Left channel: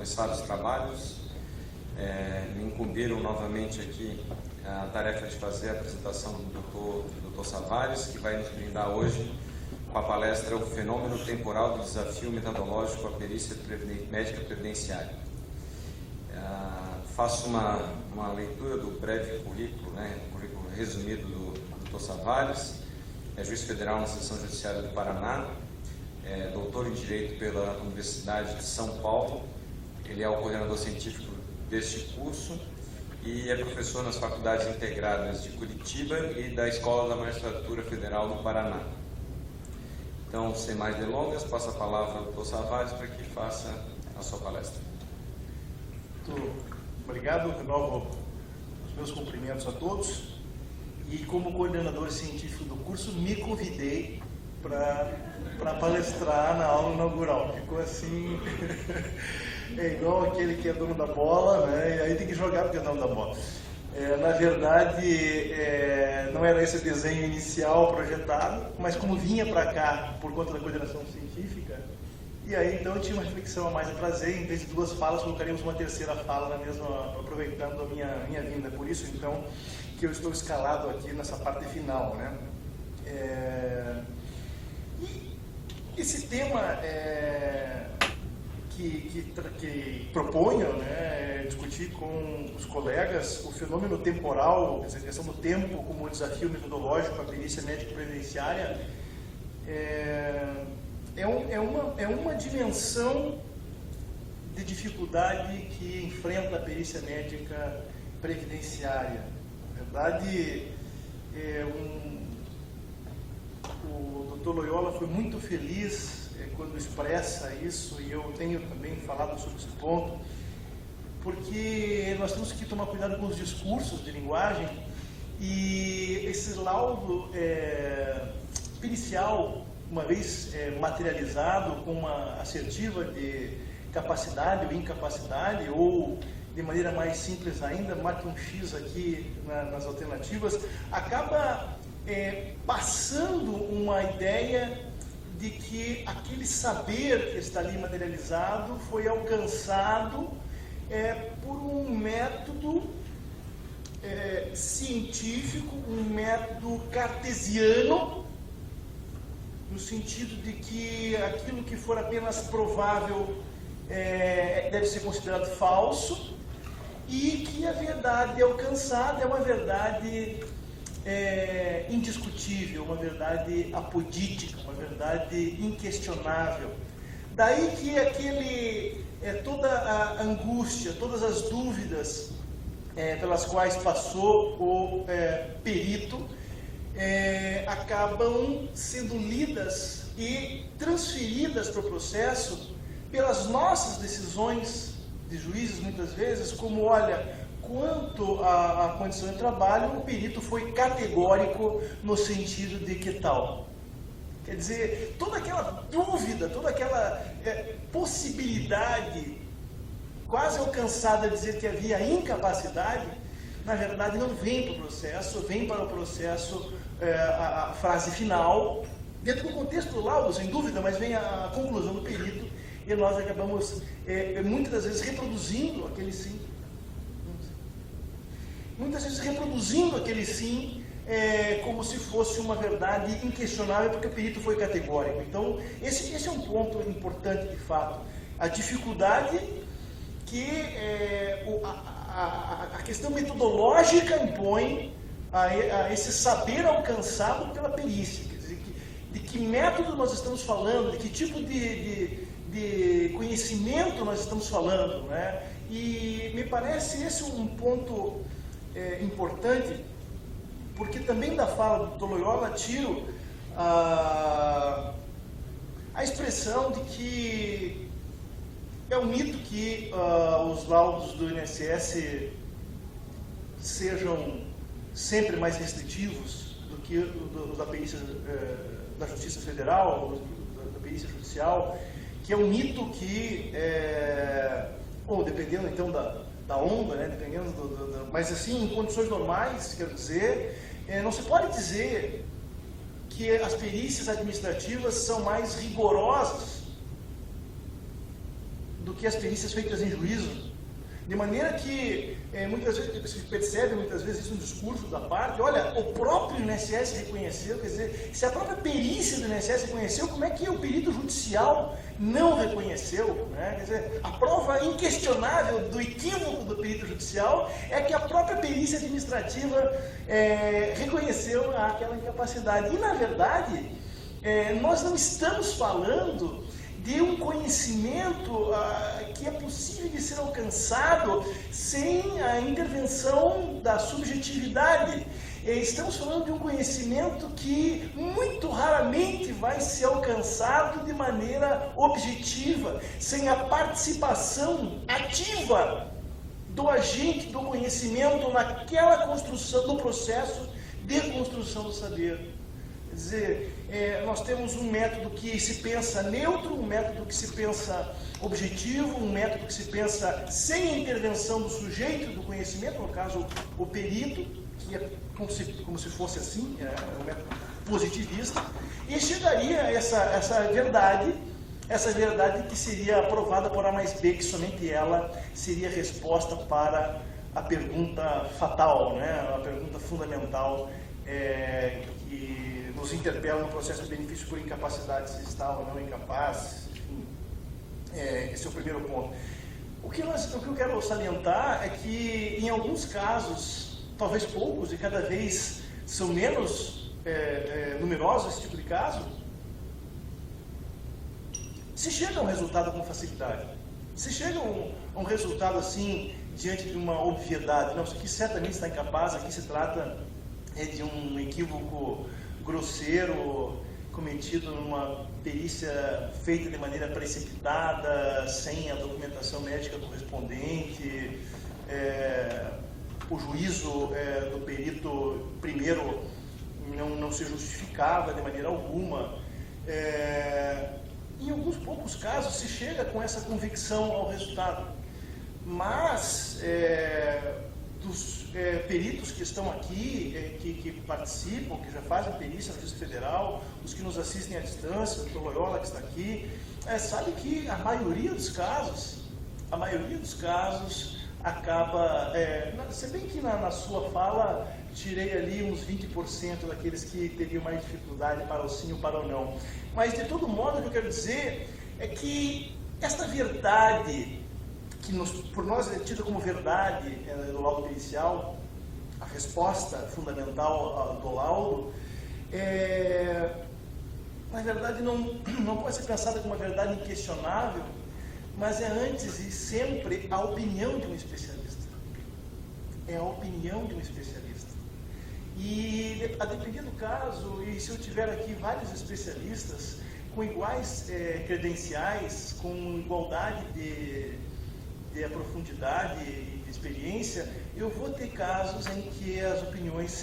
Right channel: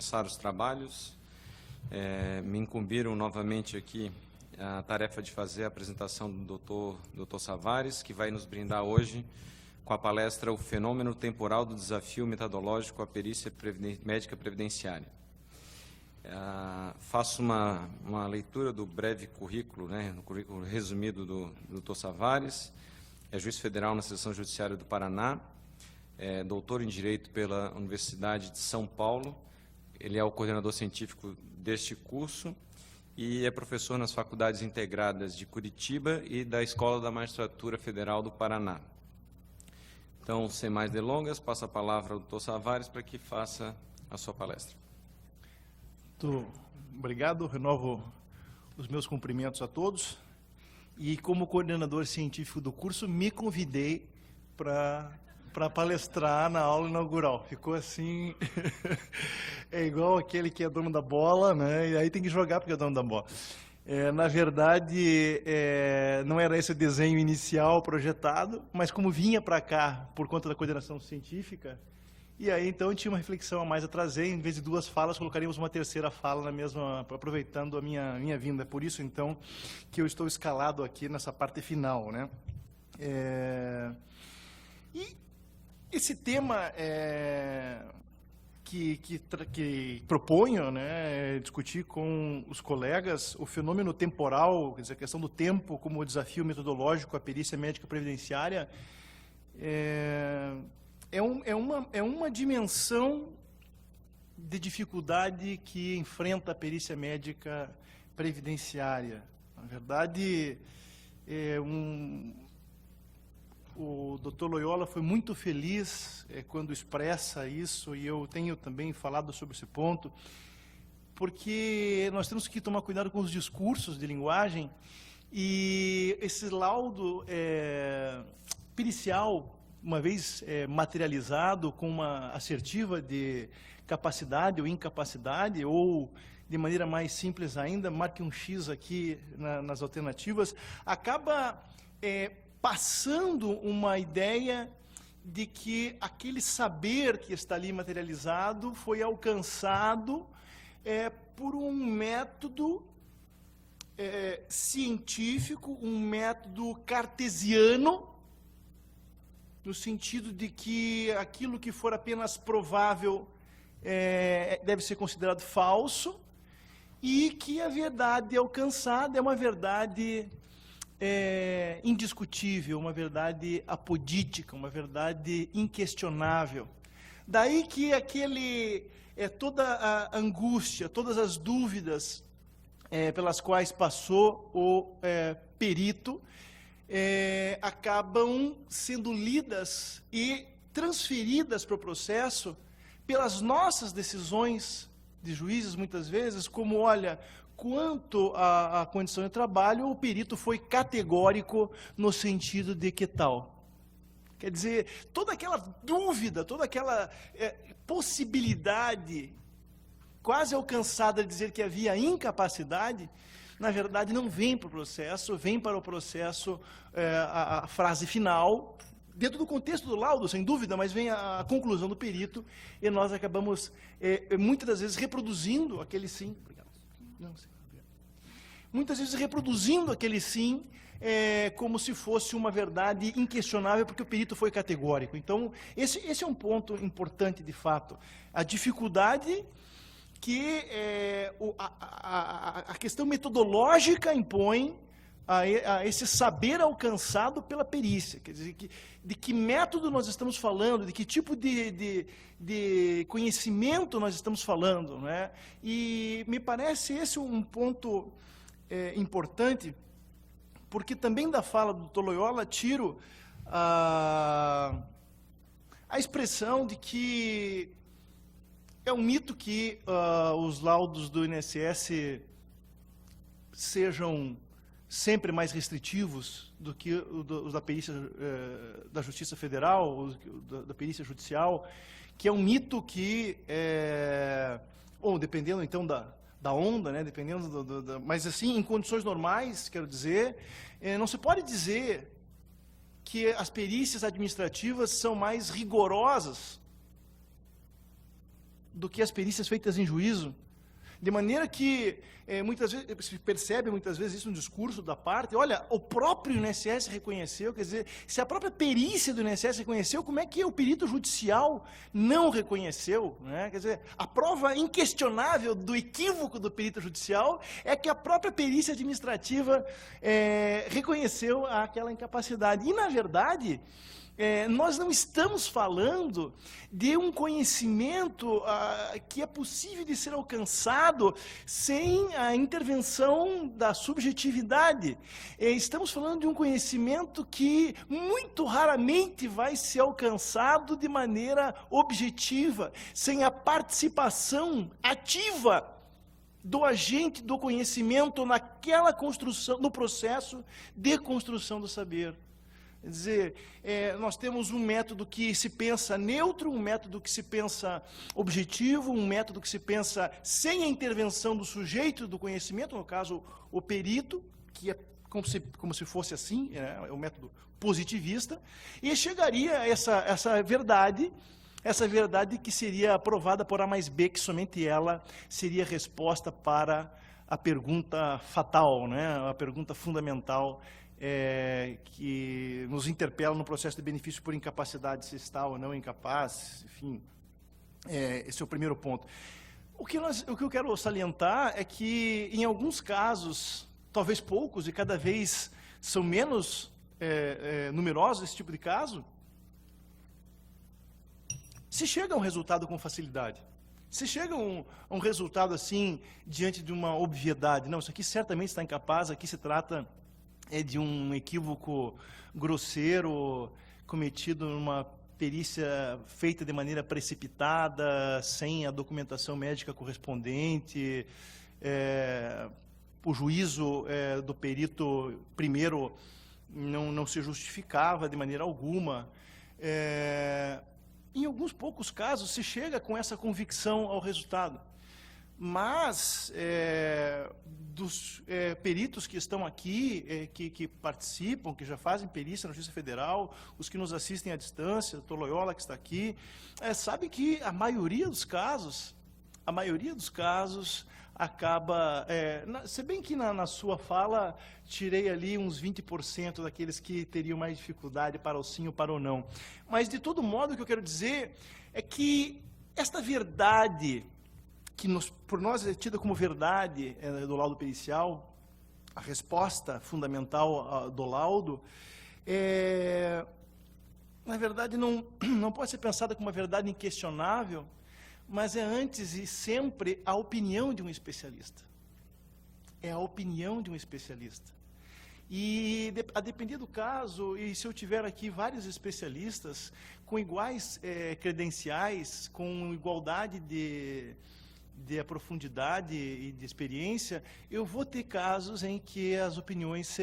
começar os trabalhos. Me incumbiram novamente aqui a tarefa de fazer a apresentação do Dr. Savares, que vai nos brindar hoje com a palestra O Fenômeno Temporal do Desafio Metodológico à Perícia Médica Previdenciária. Faço uma leitura do breve currículo, currículo resumido do Dr. Savares. É juiz federal na Seção Judiciária do Paraná, doutor em Direito pela Universidade de São Paulo. Ele é o coordenador científico deste curso e é professor nas Faculdades Integradas de Curitiba e da Escola da Magistratura Federal do Paraná. Então, sem mais delongas, passo a palavra ao Dr. Savares para que faça a sua palestra. Muito obrigado, de novo, os meus cumprimentos a todos. E como coordenador científico do curso, me convidei para palestrar na aula inaugural. Ficou assim, é igual aquele que é dono da bola, né? E aí tem que jogar porque é dono da bola. Na verdade, não era esse desenho inicial projetado, mas como vinha para cá por conta da coordenação científica, e aí então eu tinha uma reflexão a mais a trazer, em vez de duas falas, colocaríamos uma terceira fala mesmo, aproveitando a minha vinda. Por isso, então, que eu estou escalado aqui nessa parte final, né? E esse tema que proponho, discutir com os colegas o fenômeno temporal, essa questão do tempo como desafio metodológico à perícia médica previdenciária, é uma dimensão de dificuldade que enfrenta a perícia médica previdenciária. Na verdade, o Dr. Loyola foi muito feliz quando expressa isso, e eu tenho também falado sobre esse ponto, porque nós temos que tomar cuidado com os discursos de linguagem, e esse laudo pericial, uma vez materializado com uma assertiva de capacidade ou incapacidade, ou de maneira mais simples ainda, marque um X aqui nas alternativas, acaba passando uma ideia de que aquele saber que está ali materializado foi alcançado por um método científico, um método cartesiano, no sentido de que aquilo que for apenas provável deve ser considerado falso, e que a verdade alcançada é uma verdade indiscutível, uma verdade apodítica, uma verdade inquestionável. Daí que toda a angústia, todas as dúvidas pelas quais passou o perito acabam sendo lidas e transferidas para o processo pelas nossas decisões de juízes, muitas vezes, como, olha, quanto à condição de trabalho, o perito foi categórico no sentido de que tal. Quer dizer, toda aquela dúvida, toda aquela possibilidade quase alcançada de dizer que havia incapacidade, na verdade não vem para o processo, vem para o processo a frase final, dentro do contexto do laudo, sem dúvida, mas vem a conclusão do perito, e nós acabamos muitas vezes reproduzindo aquele sim. Muitas vezes reproduzindo aquele sim como se fosse uma verdade inquestionável, porque o perito foi categórico. Então, esse é um ponto importante de fato. A dificuldade que a questão metodológica impõe a esse saber alcançado pela perícia. Quer dizer, de que método nós estamos falando, de que tipo de conhecimento nós estamos falando, né? E me parece esse um ponto importante, porque também da fala do Dr. Loyola tiro a expressão de que é um mito que os laudos do INSS sejam sempre mais restritivos do que o da perícia da Justiça Federal, ou da perícia judicial, que é um mito que, dependendo então da onda, né, dependendo mas assim, em condições normais, quero dizer, não se pode dizer que as perícias administrativas são mais rigorosas do que que as perícias feitas em juízo, de maneira que muitas vezes se percebe, muitas vezes isso no discurso da parte, olha, o próprio INSS reconheceu, quer dizer, se a própria perícia do INSS reconheceu, como é que o perito judicial não reconheceu, né? Quer dizer, a prova inquestionável do equívoco do perito judicial é que a própria perícia administrativa reconheceu aquela incapacidade. E, na verdade, nós não estamos falando de um conhecimento que é possível de ser alcançado sem a intervenção da subjetividade. Estamos falando de um conhecimento que muito raramente vai ser alcançado de maneira objetiva, sem a participação ativa do agente do conhecimento naquela construção, do processo de construção do saber. Quer dizer, nós temos um método que se pensa neutro, um método que se pensa objetivo, um método que se pensa sem a intervenção do sujeito do conhecimento, no caso o perito, que é como se fosse assim, um método positivista, e chegaria a essa verdade que seria aprovada por A mais B, que somente ela seria a resposta para a pergunta fatal, né? A pergunta fundamental que nos interpela no processo de benefício por incapacidade, se está ou não incapaz, enfim, esse é o primeiro ponto. O que eu quero salientar é que, em alguns casos, talvez poucos, e cada vez são menos numerosos esse tipo de caso, se chega a um resultado com facilidade. Se chega a um resultado assim, diante de uma obviedade, não, isso aqui certamente está incapaz, aqui se trata de um equívoco grosseiro cometido numa perícia feita de maneira precipitada, sem a documentação médica correspondente, o juízo do perito primeiro não se justificava de maneira alguma. Em alguns poucos casos se chega com essa convicção ao resultado, mas dos peritos que estão aqui, que participam, que já fazem perícia na Justiça Federal, os que nos assistem à distância, o Dr. Loyola que está aqui, sabe que a maioria dos casos acaba, se bem que na sua fala tirei ali uns 20% daqueles que teriam mais dificuldade para o sim ou para o não, mas de todo modo o que eu quero dizer é que essa verdade que por nós é tida como verdade do laudo pericial, a resposta fundamental do laudo, na verdade não pode ser pensada como uma verdade inquestionável, mas é antes e sempre a opinião de um especialista. É a opinião de um especialista. E a depender do caso, e se eu tiver aqui vários especialistas com iguais credenciais, com igualdade de profundidade e de experiência, eu vou ter casos em que as opiniões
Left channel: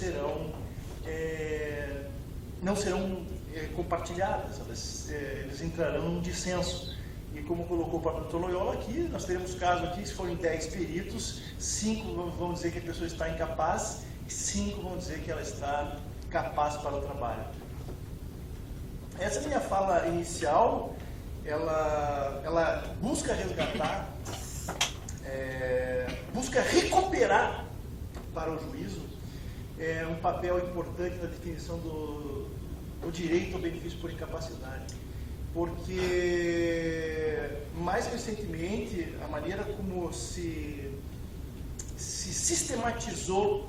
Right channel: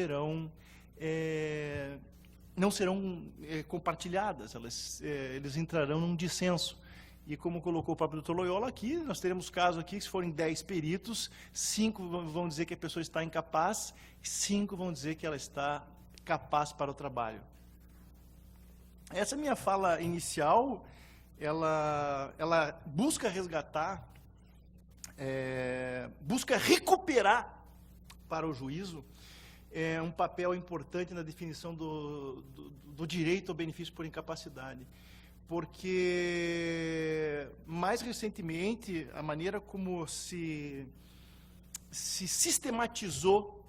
não serão compartilhadas, eles entrarão em dissenso. E como colocou o próprio Dr. Loyola aqui, nós teremos casos aqui, se forem 10 peritos, 5 vão dizer que a pessoa está incapaz e 5 vão dizer que ela está capaz para o trabalho. Essa minha fala inicial, ela busca resgatar, busca recuperar para o juízo um papel importante na definição do direito ao benefício por incapacidade, porque mais recentemente a maneira como se sistematizou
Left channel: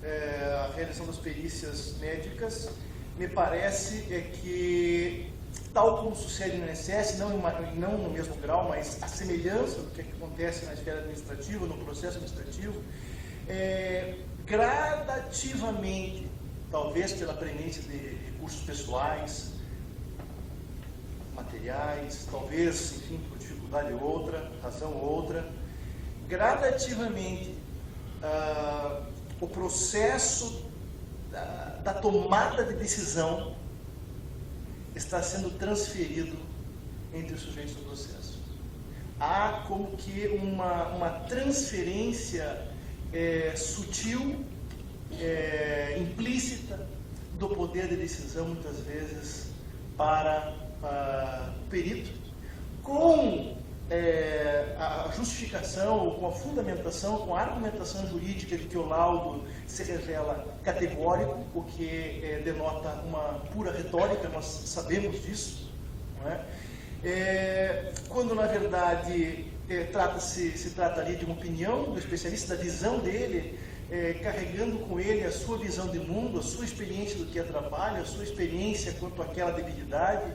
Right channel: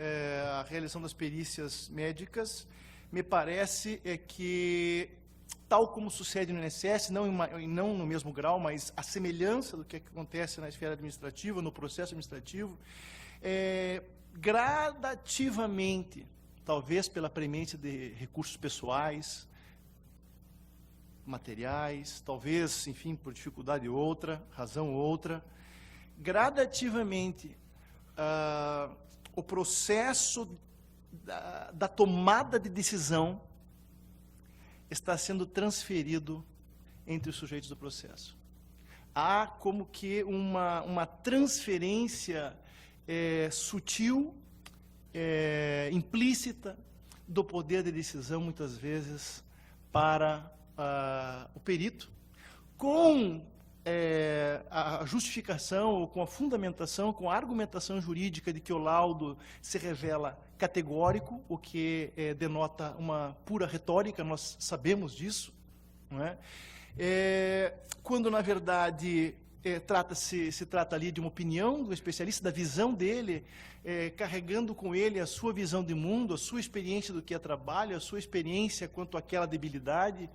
a realização das perícias médicas, me parece que, tal como sucede no INSS, não no mesmo grau, mas a semelhança do que acontece na esfera administrativa, no processo administrativo, gradativamente, talvez pela premência de recursos pessoais, materiais, talvez, enfim, por dificuldade outra, razão outra, gradativamente o processo da tomada de decisão está sendo transferido entre os sujeitos do processo. Há como que uma transferência sutil, implícita, do poder de decisão, muitas vezes, para o perito, com a justificação, com a fundamentação, com a argumentação jurídica de que o laudo se revela categórico, o que denota uma pura retórica, nós sabemos disso, não é? Quando, na verdade, se trata ali de uma opinião do especialista, da visão dele, carregando com ele a sua visão de mundo, a sua experiência do que é trabalho, a sua experiência quanto àquela debilidade,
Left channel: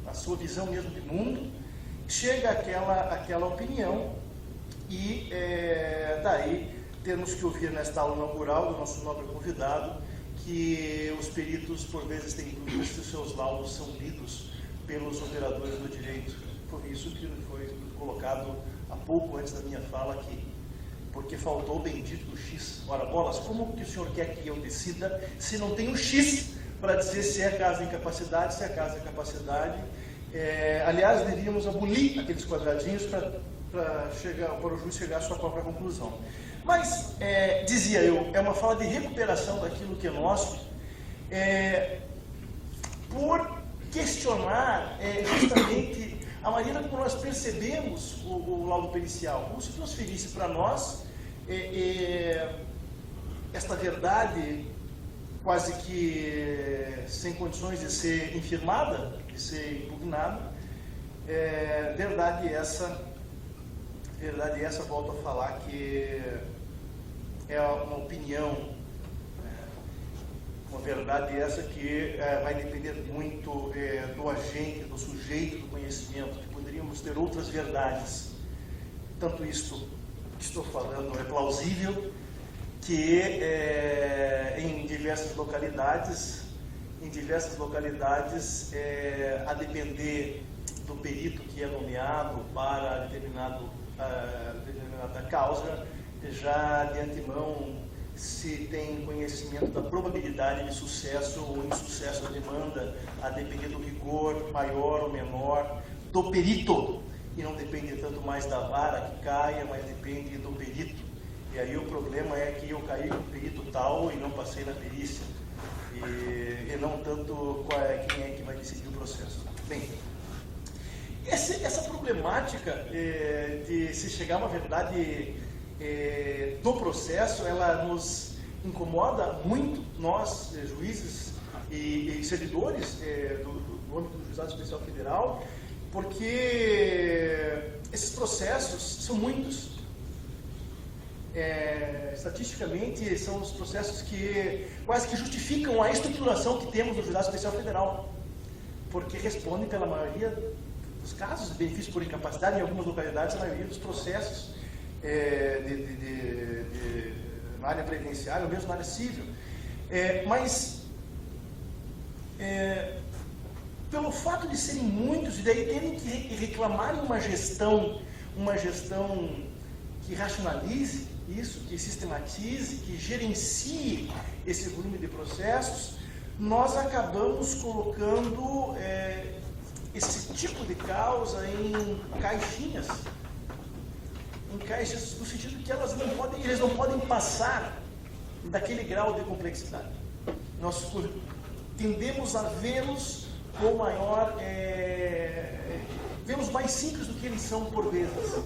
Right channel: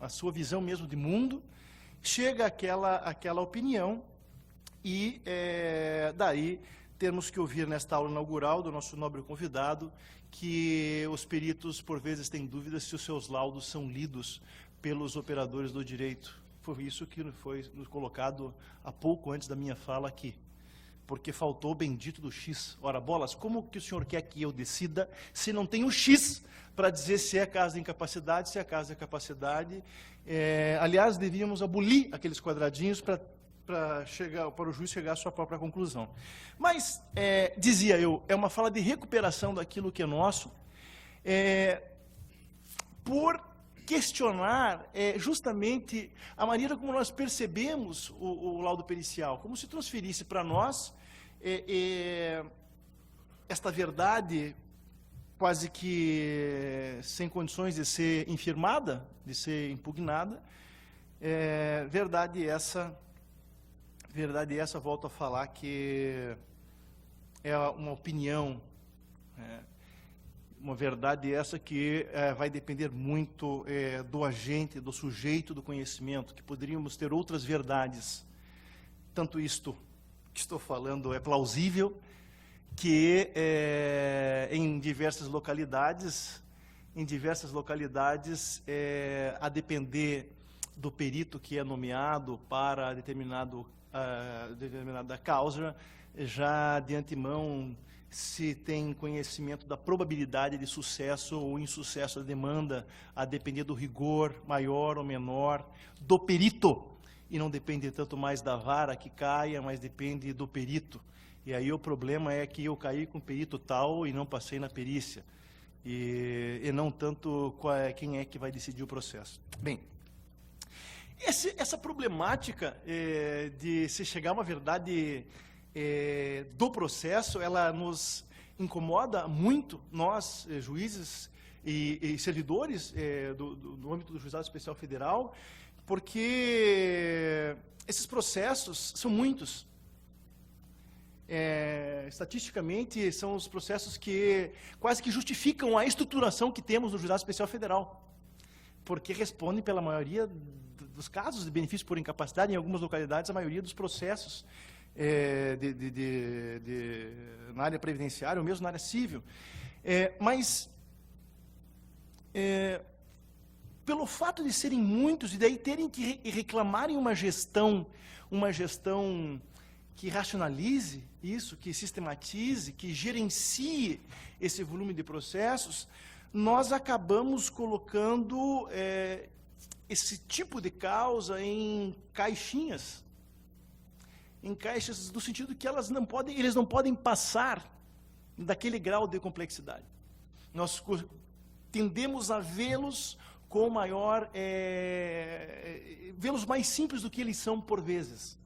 a sua visão mesmo de mundo, chega àquela opinião e daí temos que ouvir nesta aula inaugural do nosso nobre convidado que os peritos por vezes têm dúvidas se os seus laudos são lidos pelos operadores do direito. Foi isso que foi colocado há pouco antes da minha fala aqui. Porque faltou o bendito X. Ora, bolas, como que o senhor quer que eu decida se não tem o X para dizer se é caso de incapacidade, se é caso de incapacidade? Aliás, deveríamos abolir aqueles quadradinhos para o juiz chegar à sua própria conclusão. Mas, dizia eu, é uma fala de recuperação daquilo que é nosso, por questionar justamente a maneira como nós percebemos o laudo pericial, como se transferisse para nós esta verdade quase que sem condições de ser infirmada, de ser impugnada. Verdade essa, volto a falar que é uma opinião, uma verdade essa que vai depender muito do agente, do sujeito do conhecimento, que poderíamos ter outras verdades. Tanto isto que estou falando é plausível, que em diversas localidades, a depender do perito que é nomeado para determinada causa, já de antemão se tem conhecimento da probabilidade de sucesso ou insucesso da demanda, a depender do rigor maior ou menor do perito, e não depende tanto mais da vara que caia, mas depende do perito. E aí o problema é que eu caí com o perito tal e não passei na perícia, e não tanto quem é que vai decidir o processo. Bem, essa problemática de se chegar a uma verdade do processo, ela nos incomoda muito, nós, juízes e servidores do âmbito do Juizado Especial Federal, porque esses processos são muitos. Estatisticamente, são os processos que quase que justificam a estruturação que temos no Juizado Especial Federal, porque respondem pela maioria dos casos de benefício por incapacidade, em algumas localidades, a maioria dos processos na área previdenciária, ou mesmo na área civil. Mas, pelo fato de serem muitos, e daí terem que reclamarem uma gestão que racionalize isso, que sistematize, que gerencie esse volume de processos, nós acabamos colocando esse tipo de causa em caixinhas, no sentido que eles não podem passar daquele grau de complexidade. Nós tendemos a vê-los com maior, vê-los mais simples do que eles são por vezes.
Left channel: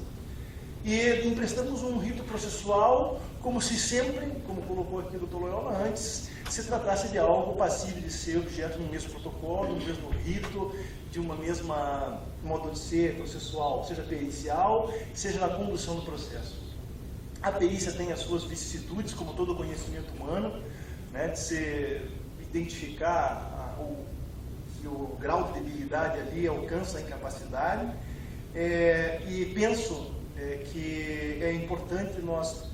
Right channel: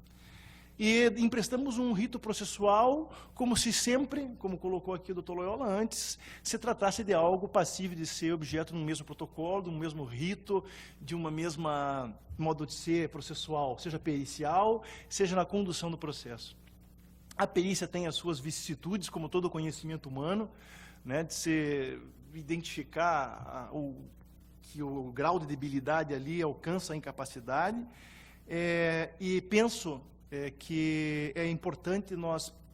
E emprestamos um rito processual como se sempre, como colocou aqui o Dr. Loyola antes, se tratasse de algo passível de ser objeto do mesmo protocolo, do mesmo rito, de uma mesma modo de ser processual, seja pericial, seja na condução do processo. A perícia tem as suas vicissitudes, como todo conhecimento humano, né, de se identificar que o grau de debilidade ali alcança a incapacidade, e penso que é importante nós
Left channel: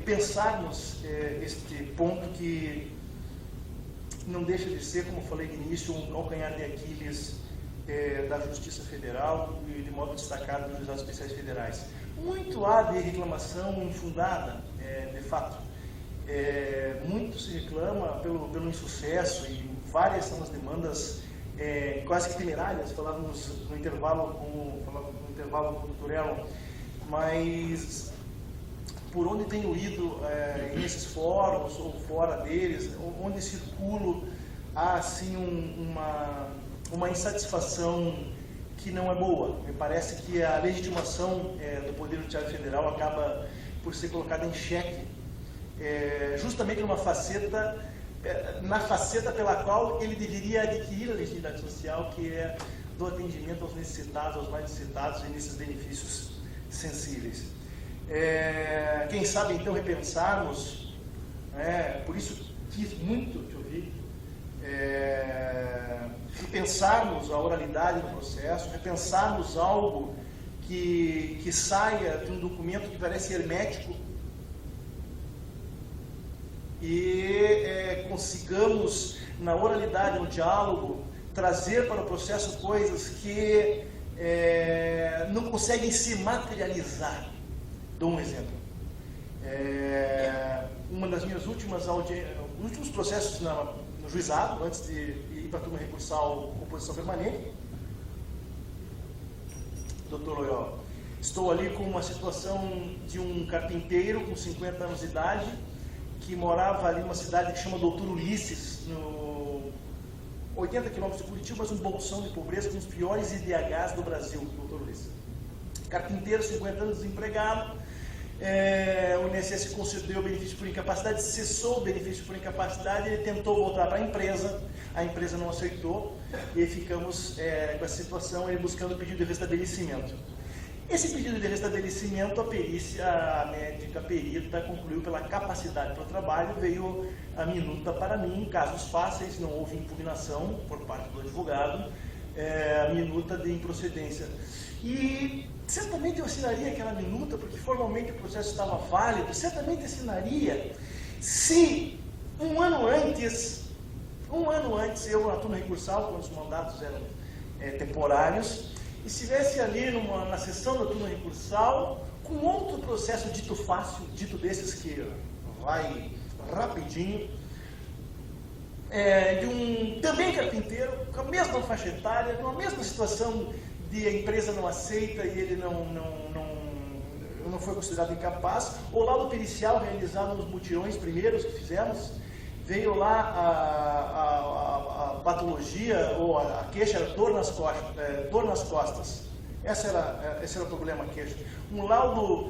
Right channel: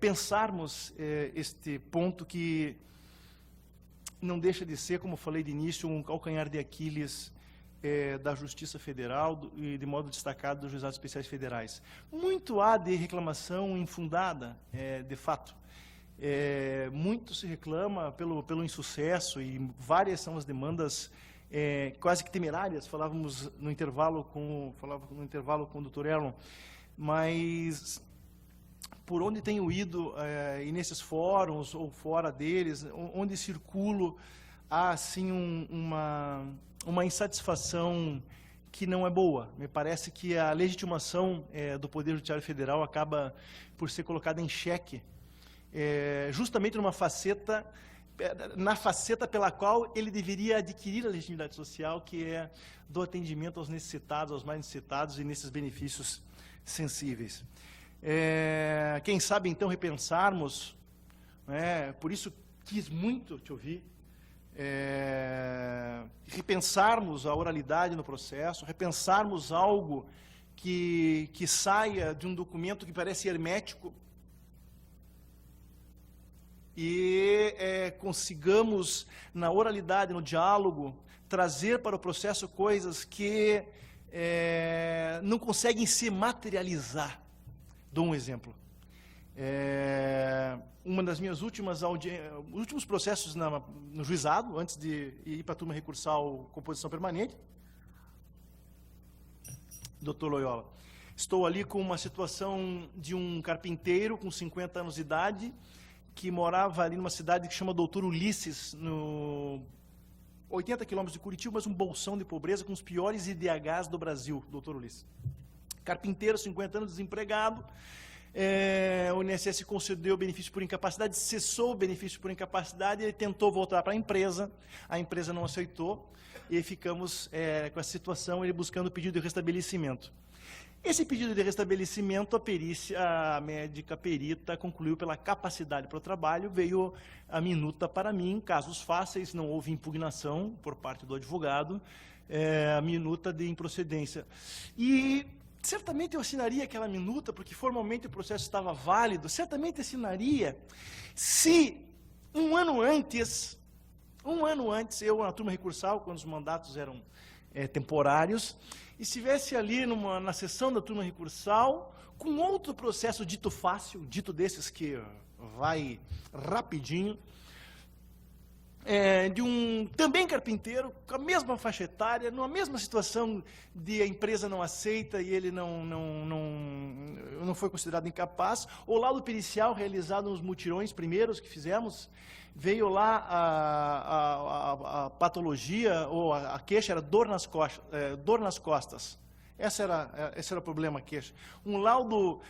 pensarmos este ponto que não deixa de ser, como falei de início, um calcanhar de Aquiles da Justiça Federal e, de modo destacado, dos Juizados Especiais Federais. Muito há de reclamação infundada, de fato. Muito se reclama pelo insucesso, e várias são as demandas quase que temerárias. Falávamos no intervalo com o Dr. Elon, mas por onde tenho ido nesses fóruns ou fora deles, onde circulo, há assim uma insatisfação que não é boa. Me parece que a legitimação do Poder Judiciário Federal acaba por ser colocada em xeque, justamente na faceta pela qual ele deveria adquirir a legitimidade social, que é do atendimento aos necessitados, aos mais necessitados e nesses benefícios sensíveis. Quem sabe, então, repensarmos, né, por isso quis muito te ouvir, repensarmos a oralidade do processo, repensarmos algo que saia de um documento que parece hermético e consigamos, na oralidade, no diálogo, trazer para o processo coisas que não conseguem se materializar. Dou um exemplo. Uma das minhas últimos processos no juizado, antes de ir para a turma recursal composição permanente, doutor Loyola, estou ali com uma situação de um carpinteiro com 50 anos de idade, que morava ali numa cidade que chama Doutor Ulisses, no 80 quilômetros de Curitiba, mas um bolsão de pobreza, um dos piores IDHs do Brasil, Doutor Ulisses. Carpinteiro, 50 anos, desempregado, o INSS concedeu o benefício por incapacidade, cessou o benefício por incapacidade, ele tentou voltar para a empresa não aceitou, e ficamos com essa situação, ele buscando o pedido de restabelecimento. Esse pedido de restabelecimento, a perícia médica perita concluiu pela capacidade para o trabalho, veio a minuta para mim, casos fáceis, não houve impugnação por parte do advogado, a minuta de improcedência. E certamente eu assinaria aquela minuta, porque formalmente o processo estava válido, certamente assinaria se um ano antes, eu na turma recursal, quando os mandatos eram temporários, e se estivesse ali na sessão da turma recursal, com outro processo dito fácil, dito desses que vai rapidinho, de um também carpinteiro, com a mesma faixa etária, numa mesma situação de a empresa não aceita e ele não foi considerado incapaz, ou lá no pericial realizado nos mutirões primeiros que fizemos, veio lá a patologia, ou a queixa era dor nas costas. Esse era o problema, a queixa. Um laudo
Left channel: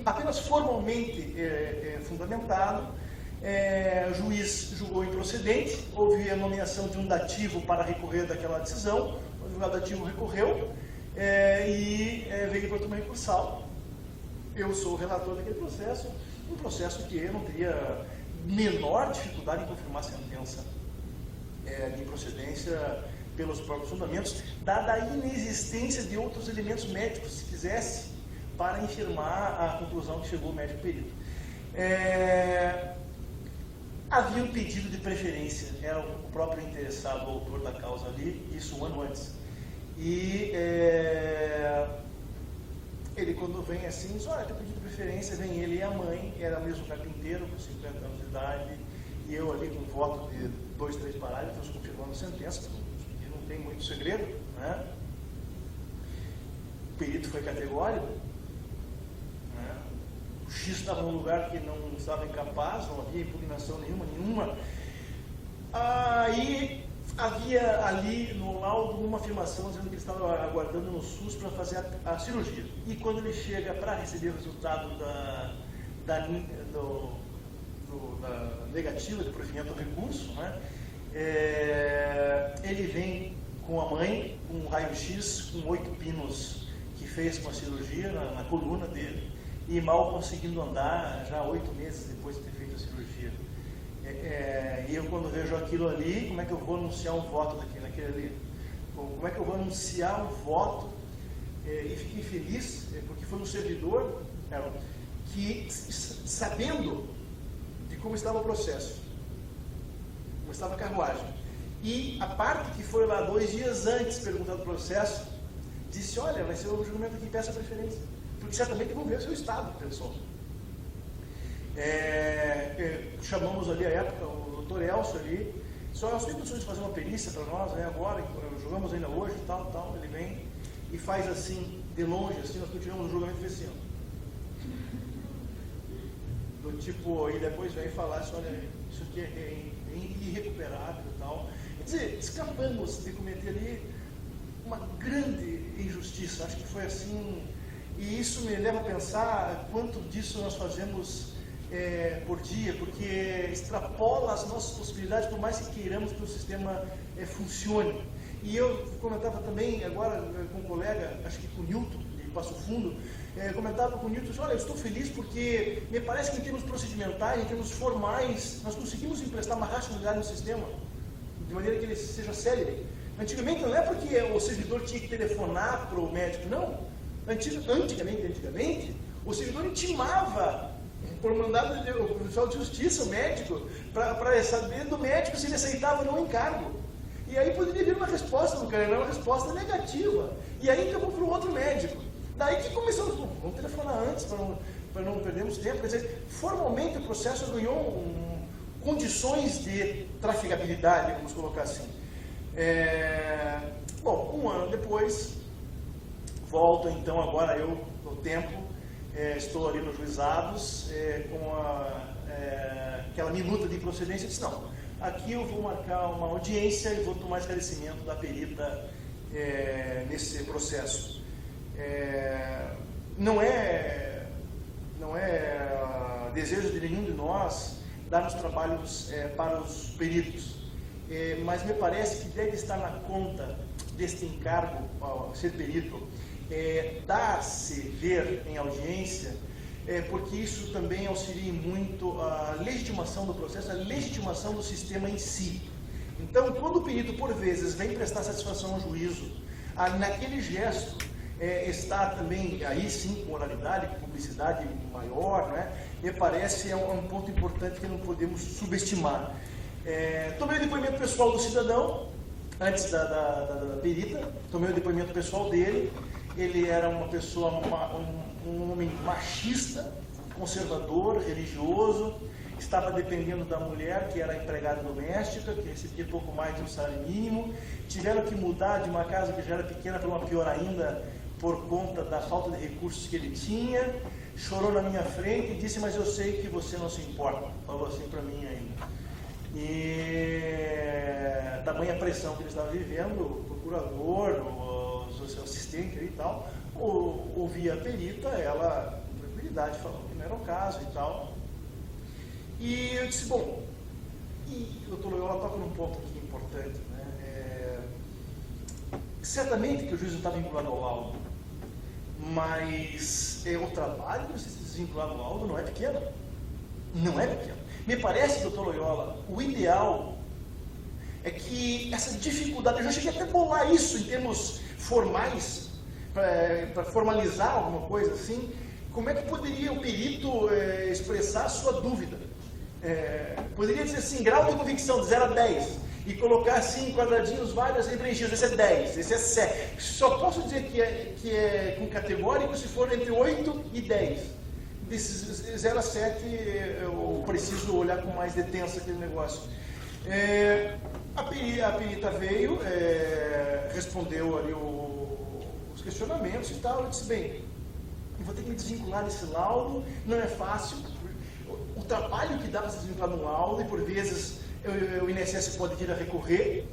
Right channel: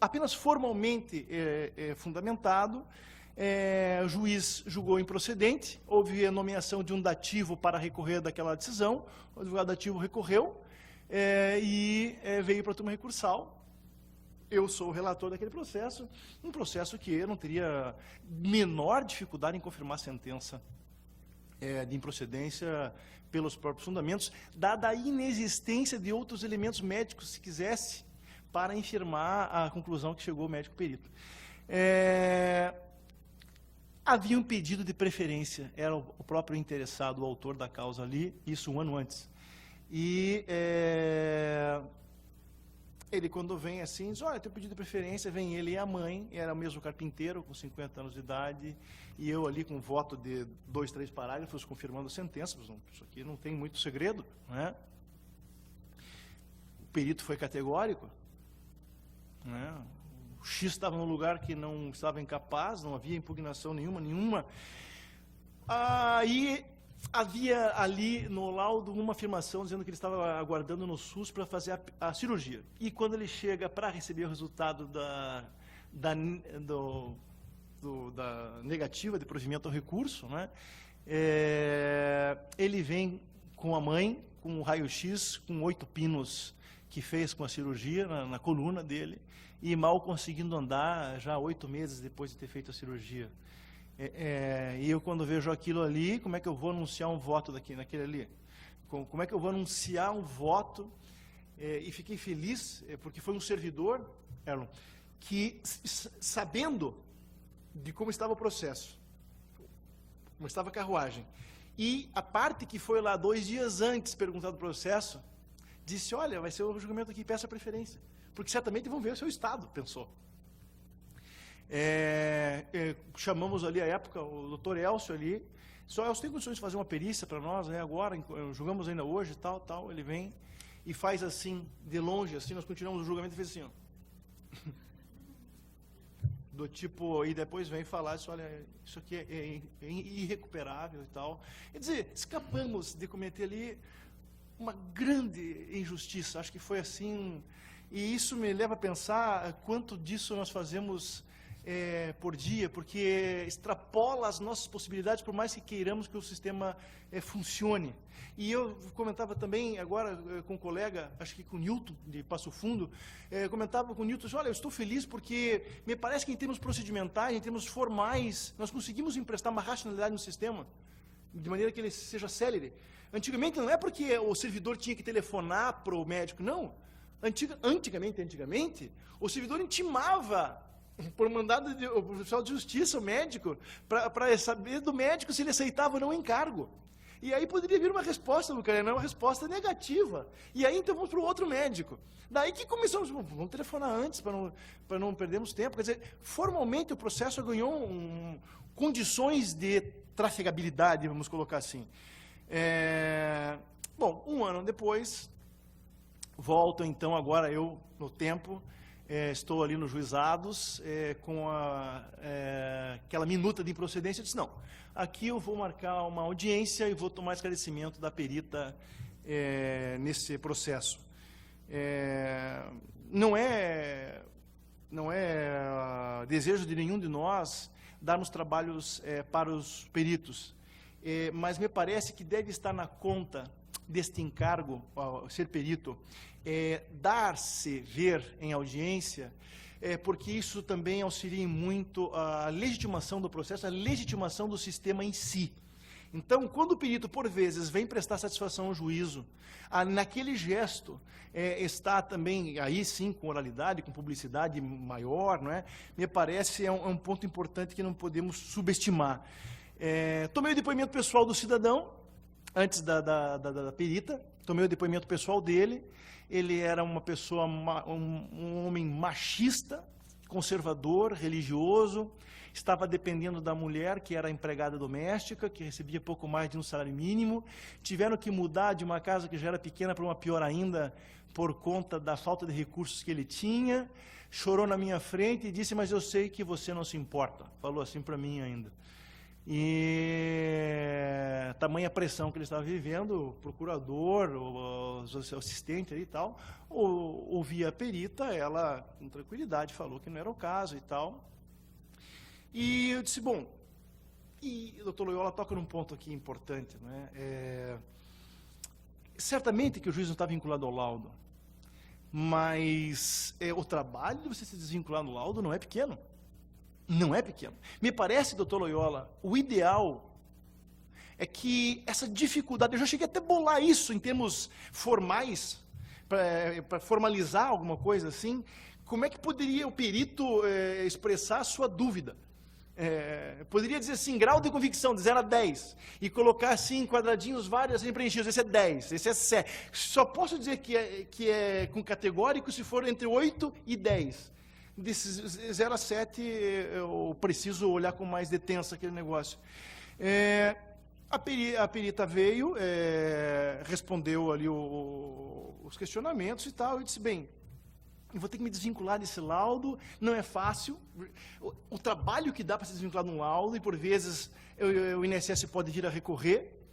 apenas formalmente fundamentado, o juiz julgou improcedente, houve a nomeação de um dativo para recorrer daquela decisão, o advogado dativo recorreu e veio para a turma recursal. Eu sou o relator daquele processo, um processo que eu não teria menor dificuldade em confirmar a sentença de improcedência pelos próprios fundamentos, dada a inexistência de outros elementos médicos, se quisesse, para infirmar a conclusão que chegou o médico perito. Havia um pedido de preferência, era o próprio interessado, o autor da causa ali, isso um ano antes. E ele, quando vem assim, diz: olha, tem pedido de preferência, vem ele e a mãe, era o mesmo carpinteiro, com 50 anos de idade, e eu ali com voto de 2, 3 parágrafos, confirmando a sentença, que não tem muito segredo, né? O perito foi categórico, né? O X estava num lugar que não estava incapaz, não havia impugnação nenhuma. Aí havia ali no laudo uma afirmação dizendo que ele estava aguardando no SUS para fazer a cirurgia. E quando ele chega para receber o resultado da negativa de provimento ao recurso, né, ele vem com a mãe, com um raio-x, com 8 pinos que fez com a cirurgia na coluna dele, e mal conseguindo andar, já 8 meses depois de ter feito a cirurgia. E eu, quando vejo aquilo ali, como é que eu vou anunciar um voto naquele ali? Como é que eu vou anunciar um voto? E fiquei feliz, porque foi um servidor que, sabendo de como estava o processo, como estava a carruagem, e a parte que foi lá 2 dias antes perguntando o processo, disse: olha, vai ser um julgamento que peça preferência, porque certamente vão ver o seu estado, pessoal. Chamamos ali à época o doutor Elcio ali, só nós temos condições de fazer uma perícia para nós, né, agora, julgamos ainda hoje, tal, ele vem e faz assim, de longe, assim, nós tiramos o julgamento desse ano. Do tipo, e depois vem falar assim: olha, isso aqui é irrecuperável e tal. Quer dizer, escapamos de cometer ali uma grande injustiça. Acho que foi assim, e isso me leva a pensar quanto disso nós fazemos por dia, porque extrapola as nossas possibilidades, por mais que queiramos que o sistema funcione. E eu comentava também agora com um colega, acho que com o Newton, de Passo Fundo, comentava com o Newton, olha, eu estou feliz porque me parece que em termos procedimentais, em termos formais, nós conseguimos emprestar uma racionalidade no sistema, de maneira que ele seja sério. Antigamente não é porque o servidor tinha que telefonar para o médico, não. Antigamente, o servidor intimava, por mandado do profissional de justiça, o médico, para saber do médico se ele aceitava ou não o encargo. E aí poderia vir uma resposta do cara, uma resposta negativa. E aí então para um outro médico. Daí que começou, vamos telefonar antes para não perdermos tempo. Quer dizer, formalmente o processo ganhou condições de traficabilidade, vamos colocar assim. Bom, um ano depois, volto então agora eu no tempo, estou ali nos juizados, com aquela minuta de procedência e disse, não, aqui eu vou marcar uma audiência e vou tomar esclarecimento da perita nesse processo. Não é desejo de nenhum de nós darmos trabalhos para os peritos, mas me parece que deve estar na conta deste encargo, ao ser perito, dar-se ver em audiência, porque isso também auxilia muito a legitimação do processo, a legitimação do sistema em si. Então, quando o perito, por vezes, vem prestar satisfação ao juízo, naquele gesto está também, aí sim, oralidade, publicidade maior, né? Me parece um ponto importante que não podemos subestimar. Tomei o depoimento pessoal do cidadão, antes da perita, tomei o depoimento pessoal dele. Ele era uma pessoa, um homem machista, conservador, religioso, estava dependendo da mulher, que era empregada doméstica, que recebia pouco mais de um salário mínimo. Tiveram que mudar de uma casa que já era pequena para uma pior ainda, por conta da falta de recursos que ele tinha. Chorou na minha frente e disse, mas eu sei que você não se importa. Falou assim para mim ainda. E tamanha pressão que ele estava vivendo, o procurador, o seu assistente e tal, ouvia a perita, ela, com tranquilidade, falou que não era o caso e tal. E eu disse, bom, e o doutor Loyola toca num ponto aqui importante, né? Certamente que o juiz não está vinculado ao laudo, mas o trabalho de se desvincular do laudo não é pequeno. Não é pequeno. Me parece, doutor Loyola, o ideal é que essa dificuldade, eu já cheguei até a bolar isso em termos formais, para formalizar alguma coisa assim, como é que poderia o perito expressar a sua dúvida? Poderia dizer assim, grau de convicção de 0 a 10, e colocar assim, quadradinhos vários e preenchidos, esse é 10, esse é 7. Só posso dizer que é com categórico se for entre 8 e 10. Desses 0 a 7, eu preciso olhar com mais detença aquele negócio. A perita veio, respondeu ali os questionamentos e tal, e disse, bem, eu vou ter que me desvincular desse laudo, não é fácil. O trabalho que dá para se desvincular de um laudo, e por vezes o INSS pode vir a recorrer,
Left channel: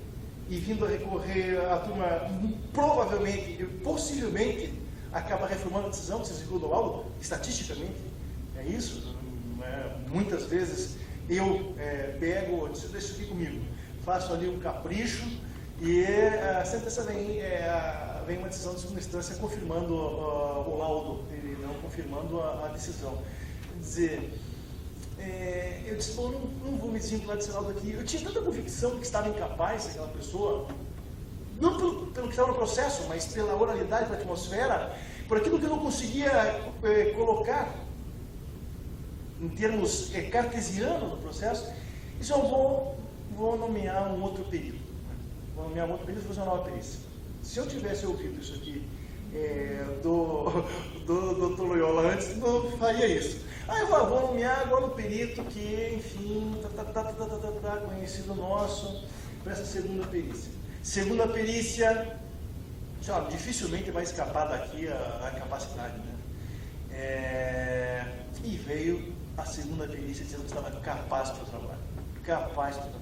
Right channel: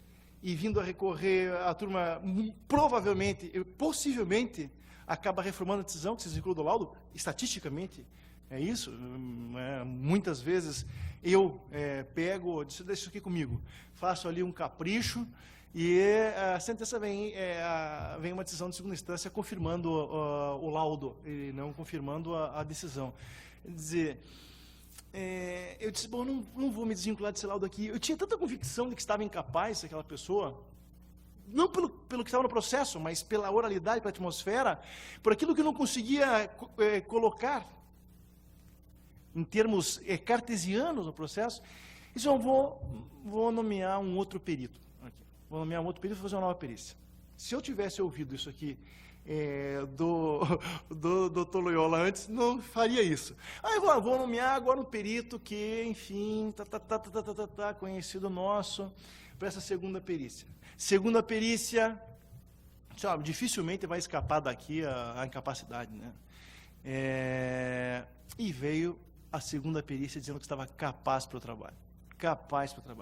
e vindo a recorrer, a turma provavelmente, possivelmente, acaba reformando a decisão que se desvinculou do laudo, estatisticamente, é isso. Muitas vezes eu pego, deixa isso aqui comigo, faço ali um capricho, e sempre também vem uma decisão de segunda instância confirmando o laudo, e não confirmando a decisão. Quer dizer, eu disse, não vou me desvincular desse laudo aqui. Eu tinha tanta convicção que estava incapaz daquela pessoa, não pelo que estava no processo, mas pela oralidade da atmosfera, por aquilo que eu não conseguia colocar em termos cartesianos no processo. Isso eu vou nomear um outro perito. Vou nomear um outro perito e fazer uma nova perícia. Se eu tivesse ouvido isso aqui do Dr. Loyola antes, não faria isso. Agora vou nomear agora um perito que, enfim, conhecido nosso, para essa segunda perícia. Segunda perícia, dificilmente vai escapar daqui a capacidade, né? E veio a segunda perícia dizendo que estava capaz para o trabalho. Capaz para o trabalho.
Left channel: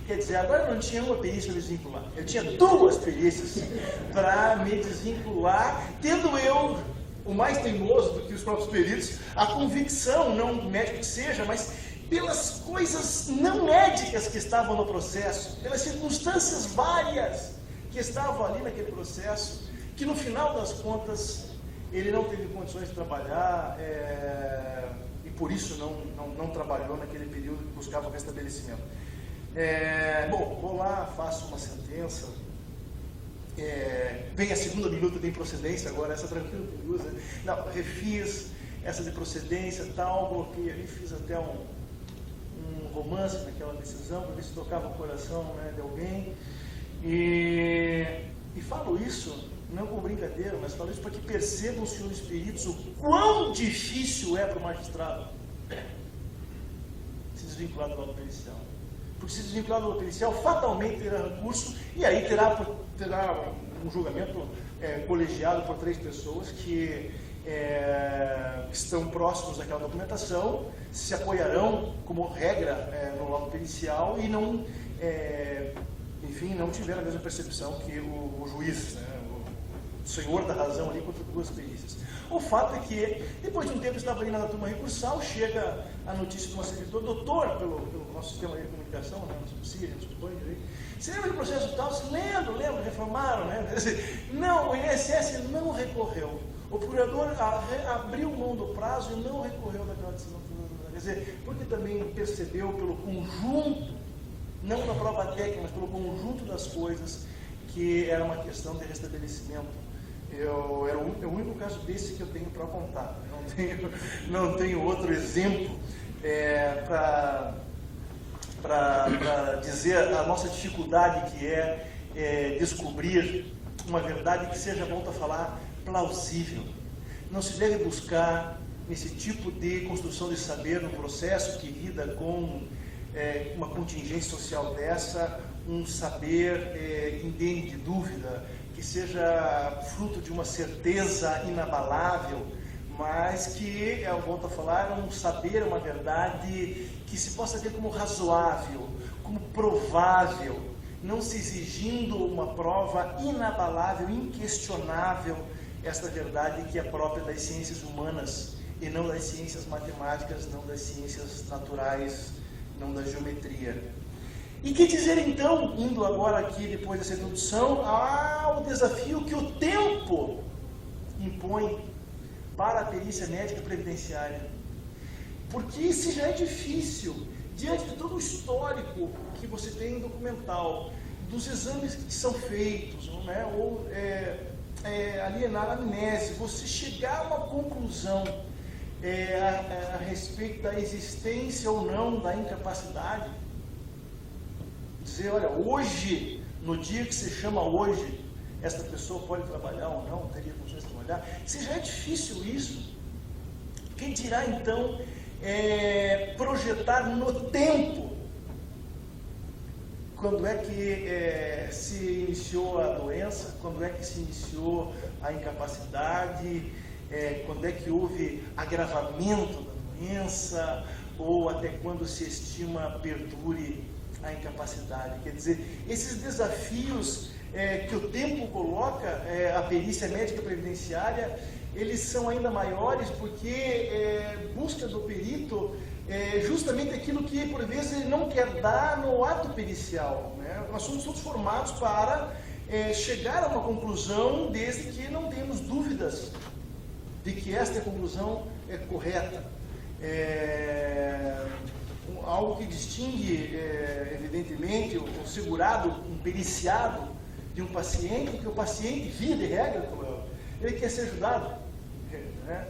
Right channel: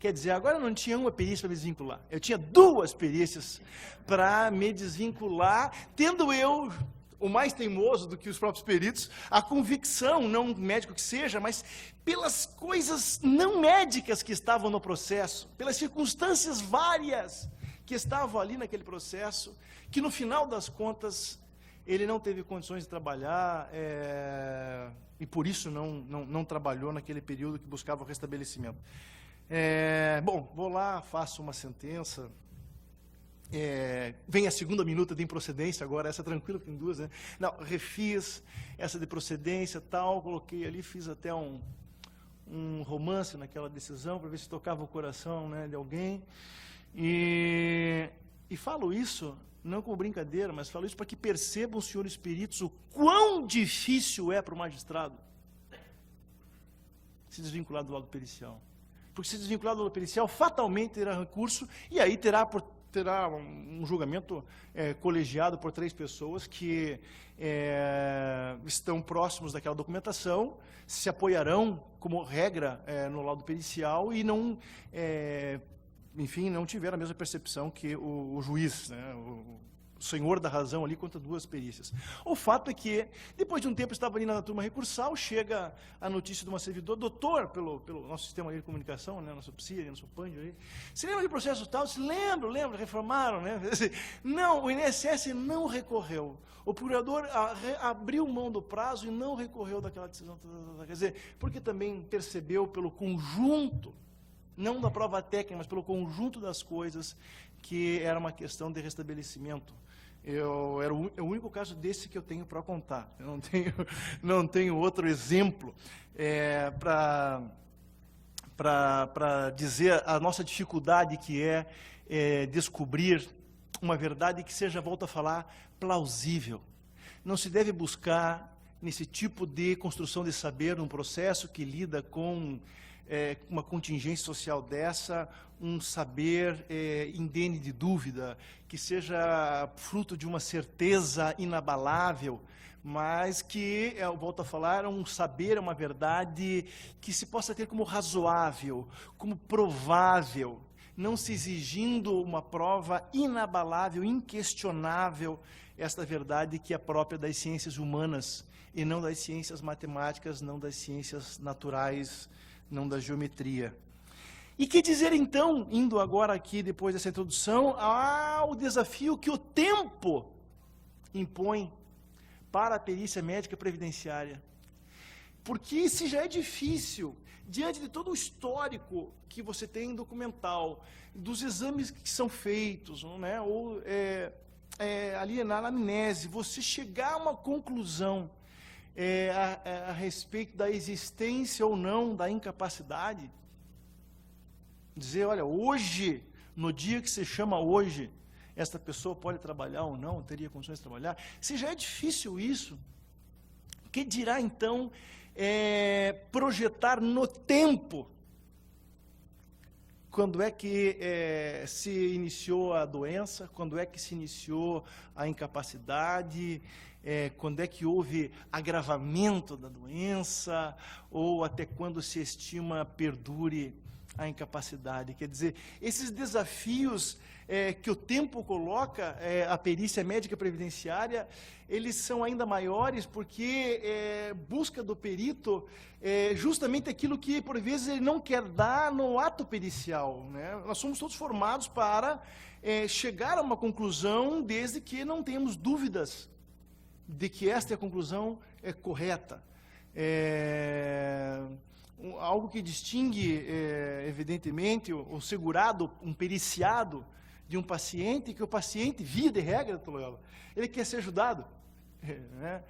Quer dizer, agora eu não tinha uma perícia para desvincular, eu tinha 2 perícias para me desvincular, tendo eu, o mais teimoso do que os próprios peritos, a convicção, não médico que seja, mas pelas coisas não médicas que estavam no processo, pelas circunstâncias várias que estavam ali naquele processo, que no final das contas ele não teve condições de trabalhar e por isso não trabalhou naquele período que buscava o restabelecimento. Bom, vou lá, faço uma sentença, vem a segunda minuta de improcedência, agora essa tranquila com 2, né? Não, refiz essa de procedência e tal, coloquei ali, fiz até um romance naquela decisão, para ver se tocava o coração, né, de alguém, e falo isso, não com brincadeira, mas falo isso para que percebam os senhores peritos o quão difícil é para o magistrado se desvincular do laudo pericial. Porque se desvincular do laudo pericial, fatalmente terá recurso, e aí terá um julgamento colegiado por 3 pessoas que estão próximos daquela documentação, se apoiarão como regra no laudo pericial e não, enfim, não tiveram a mesma percepção que o juiz, né, o senhor da razão ali contra 2 perícias. O fato é que, depois de um tempo, estava indo na turma recursal, chega a notícia de uma servidora, doutor, pelo nosso sistema de comunicação, né, no subsídio, você lembra do processo tal? Se lembra, reformaram, né? Não, o INSS não recorreu. O procurador abriu mão do prazo e não recorreu daquela decisão. Quer dizer, porque também percebeu pelo conjunto, não pela prova técnica, mas pelo conjunto das coisas, que era uma questão de restabelecimento. É o único caso desse que eu tenho para contar. Não tenho outro exemplo para dizer a nossa dificuldade que é descobrir uma verdade que seja, volto a falar, plausível. Não se deve buscar, nesse tipo de construção de saber, no processo que lida com uma contingência social dessa, um saber indene de dúvida, que seja fruto de uma certeza inabalável, mas que, eu volto a falar, um saber, uma verdade que se possa ter como razoável, como provável, não se exigindo uma prova inabalável, inquestionável, essa verdade que é própria das ciências humanas e não das ciências matemáticas, não das ciências naturais, não da geometria. E que dizer então, indo agora aqui, depois dessa introdução, ao desafio que o tempo impõe para a perícia médica previdenciária. Porque se já é difícil, diante de todo o histórico que você tem no documental, dos exames que são feitos, né, ou ali na anamnese, você chegar a uma conclusão a respeito da existência ou não da incapacidade, dizer, olha, hoje, no dia que se chama hoje, essa pessoa pode trabalhar ou não, teria condições de trabalhar, se já é difícil isso, quem dirá então projetar no tempo quando é que se iniciou a doença, quando é que se iniciou a incapacidade, quando é que houve agravamento da doença, ou até quando se estima perdure a incapacidade. Quer dizer, esses desafios que o tempo coloca a perícia médica previdenciária, eles são ainda maiores porque busca do perito justamente aquilo que, por vezes, ele não quer dar no ato pericial. Né? Nós somos todos formados para chegar a uma conclusão desde que não tenhamos dúvidas de que esta conclusão é correta. Algo que distingue, evidentemente, um segurado, um periciado de um paciente, que o paciente, via de regra, ele quer ser ajudado. Né?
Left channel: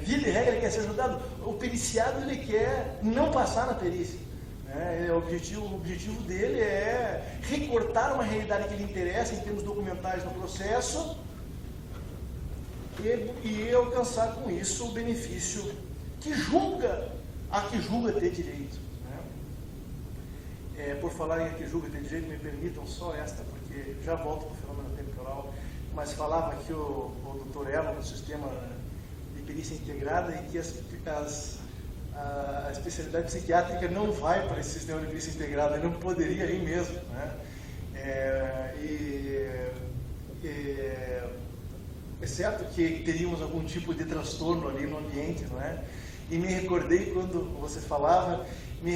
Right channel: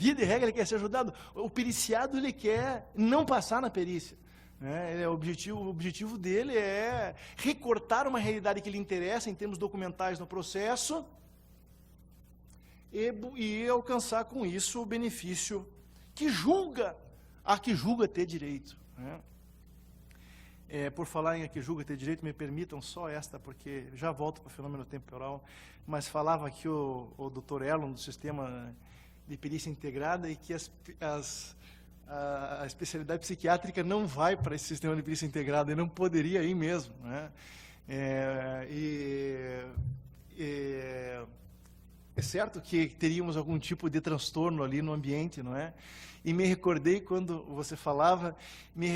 Via de regra, ele quer ser ajudado. O periciado, ele quer não passar na perícia. Né? O objetivo dele é recortar uma realidade que lhe interessa em termos documentais do processo e alcançar com isso o benefício que julga ter direito. Né? Por falar em que julga ter direito, me permitam só esta, porque já volto para o fenômeno temporal, mas falava aqui o Dr. Elmo do sistema de perícia integrada e que a especialidade psiquiátrica não vai para esse sistema de perícia integrada, não poderia ir mesmo, né? É certo que teríamos algum tipo de transtorno ali no ambiente, não é? E me recordei, quando você falava, na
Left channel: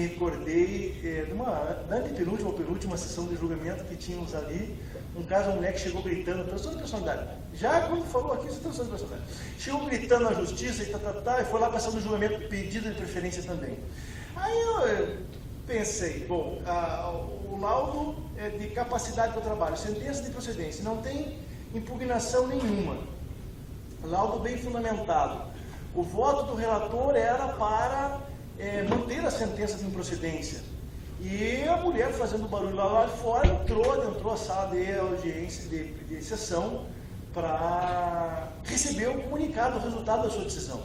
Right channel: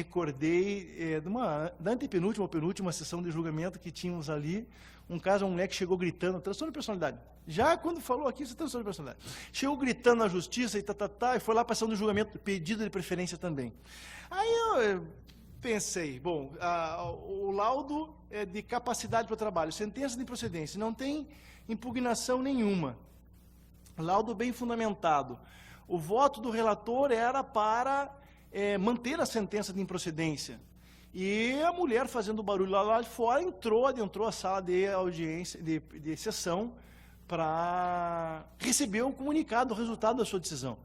antepenúltima ou penúltima sessão do julgamento que tínhamos ali, um caso, uma mulher que chegou gritando, transtorno de personalidade. Já como falou aqui, isso é transtorno de personalidade. Chegou gritando na justiça e e foi lá passar no julgamento pedido de preferência também. Aí eu pensei, bom, o laudo de capacidade para trabalho, sentença de procedência, não tem impugnação nenhuma. Laudo bem fundamentado. O voto do relator era para manter a sentença de improcedência. E a mulher, fazendo barulho lá de fora, entrou à sala de audiência, de sessão, para receber o comunicado, o resultado da sua decisão.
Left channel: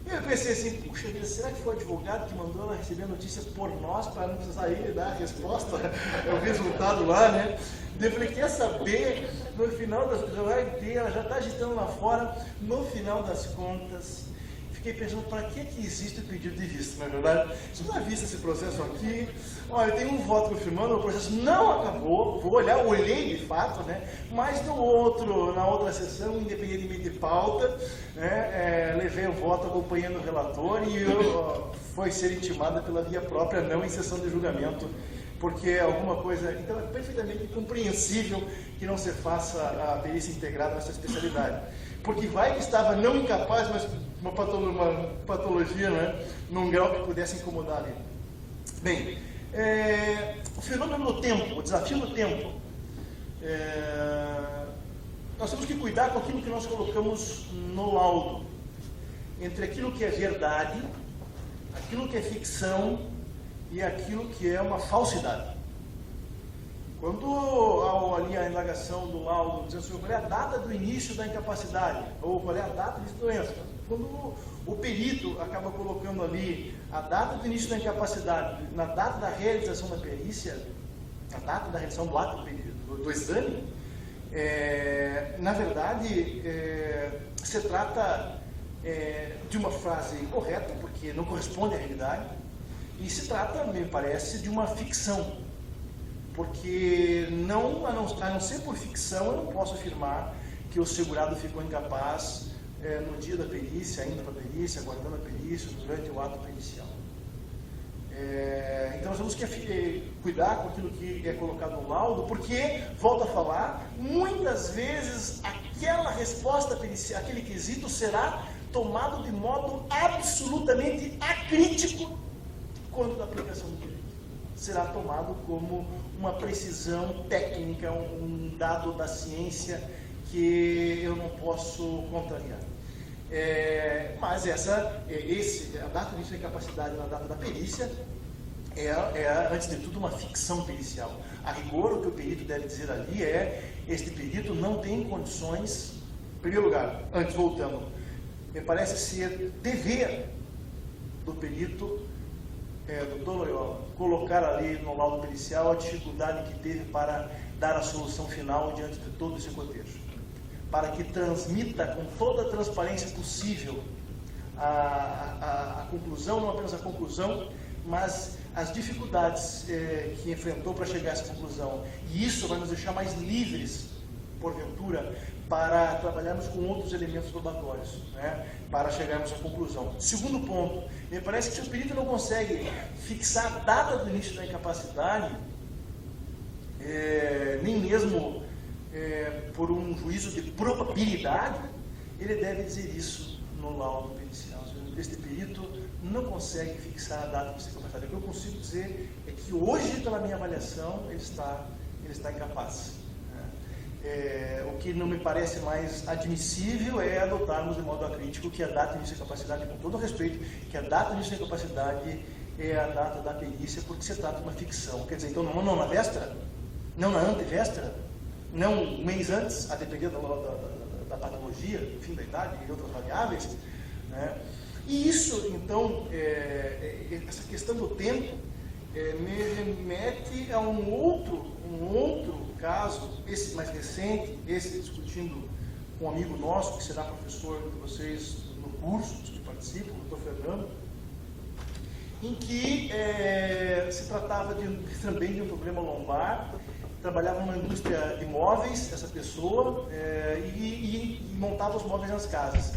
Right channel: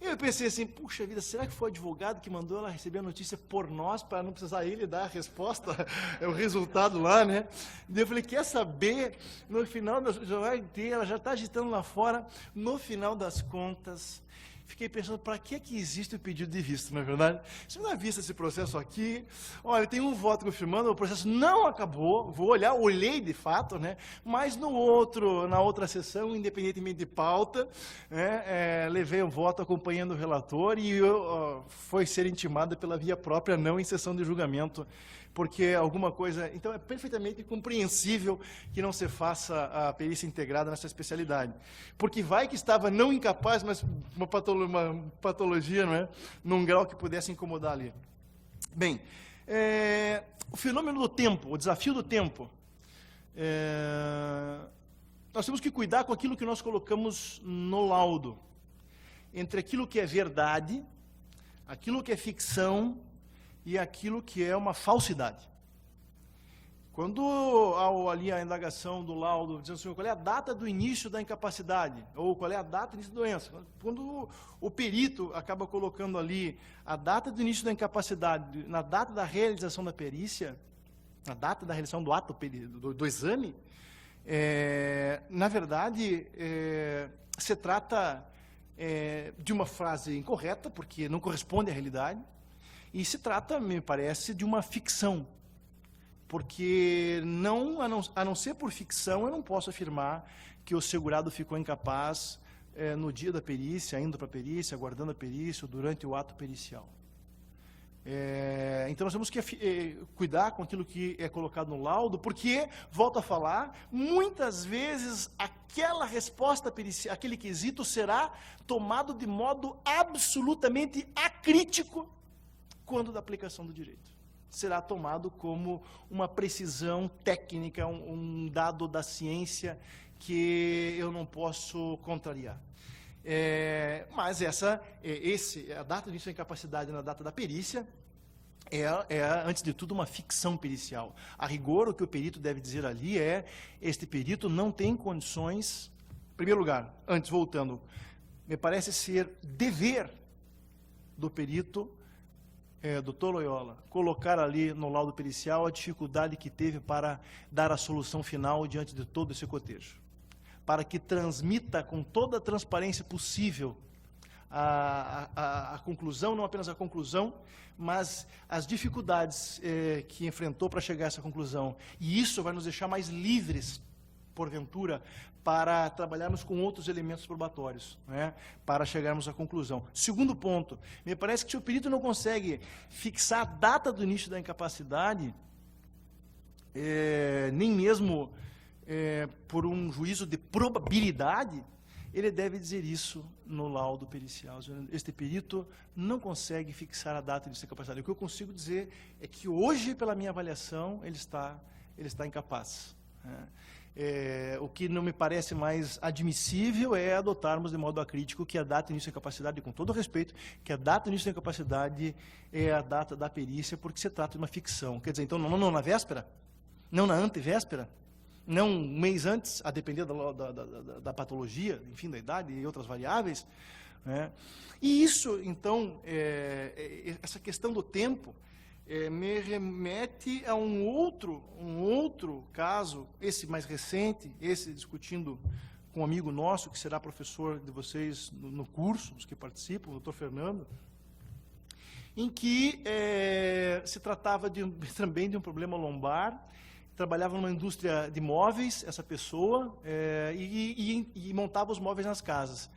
E eu pensei assim, puxa, será que foi o advogado que mandou ela receber a notícia por nós, para não precisar ele dar a resposta, o resultado lá, né? Eu falei, quer saber, no final das contas, ela já está agitando lá fora, no final das contas, fiquei pensando, para que existe o pedido de vista, não é verdade? Se não é visto esse processo aqui, olha, tem um voto confirmando, o processo não acabou, vou olhar, olhei de fato, né? Mas na outra sessão, independentemente de pauta, né, levei o voto acompanhando o relator e foi ser intimado pela via própria, não em sessão de julgamento, porque alguma coisa, então é perfeitamente compreensível que não se faça a perícia integrada nessa especialidade. Porque vai que estava não incapaz, mas uma patologia, né, num grau que pudesse incomodar ele. Bem, o fenômeno do tempo, o desafio do tempo, nós temos que cuidar com aquilo que nós colocamos no laudo, entre aquilo que é verdade, aquilo que é ficção e aquilo que é uma falsidade. Quando ali a indagação do laudo diz assim, qual é a data do início da incapacidade, ou qual é a data de doença, quando o perito acaba colocando ali a data do início da incapacidade, na data da realização da perícia, na data da realização do ato do exame, na verdade, se trata de uma frase incorreta, porque não corresponde à realidade, e se trata, me parece, de uma ficção. Porque, a não ser por ficção, eu não posso afirmar que o segurado ficou incapaz no dia da perícia, indo para a perícia, aguardando a perícia, durante o ato pericial. Então, nós temos que cuidar com aquilo que é colocado no laudo, porque, volto a falar, muitas vezes aquela resposta pericial, aquele quesito será tomado de modo absolutamente acrítico quando da aplicação do direito. Será tomado como uma precisão técnica, um dado da ciência que eu não posso contrariar. Mas a data de início da incapacidade na data da perícia é, antes de tudo, uma ficção pericial. A rigor, o que o perito deve dizer ali este perito não tem condições, em primeiro lugar, antes voltando, me parece ser dever do perito, doutor Loyola, colocar ali no laudo pericial a dificuldade que teve para dar a solução final diante de todo esse cotejo, para que transmita com toda a transparência possível a conclusão, não apenas a conclusão, mas as dificuldades que enfrentou para chegar a essa conclusão. E isso vai nos deixar mais livres, porventura, para trabalharmos com outros elementos probatórios, né, para chegarmos à conclusão. Segundo ponto, me parece que se o perito não consegue fixar a data do início da incapacidade, nem mesmo por um juízo de probabilidade, ele deve dizer isso no laudo pericial. Este perito não consegue fixar a data de incapacidade. O que eu consigo dizer é que hoje, pela minha avaliação, ele está incapaz. O que não me parece mais admissível é adotarmos de modo acrítico que a data de início da incapacidade, com todo respeito, que a data de início da incapacidade é a data da perícia, porque se trata de uma ficção. Quer dizer, então, não na véspera, não na antevéspera, não um mês antes, a depender da patologia, fim da idade e outras variáveis, né? E isso, então, essa questão do tempo me remete a um outro caso, esse mais recente, esse discutindo com um amigo nosso, que será professor de vocês no curso, participo, o doutor Fernando, em que se tratava também de um problema lombar. Trabalhava numa indústria de móveis, essa pessoa, e montava os móveis nas casas.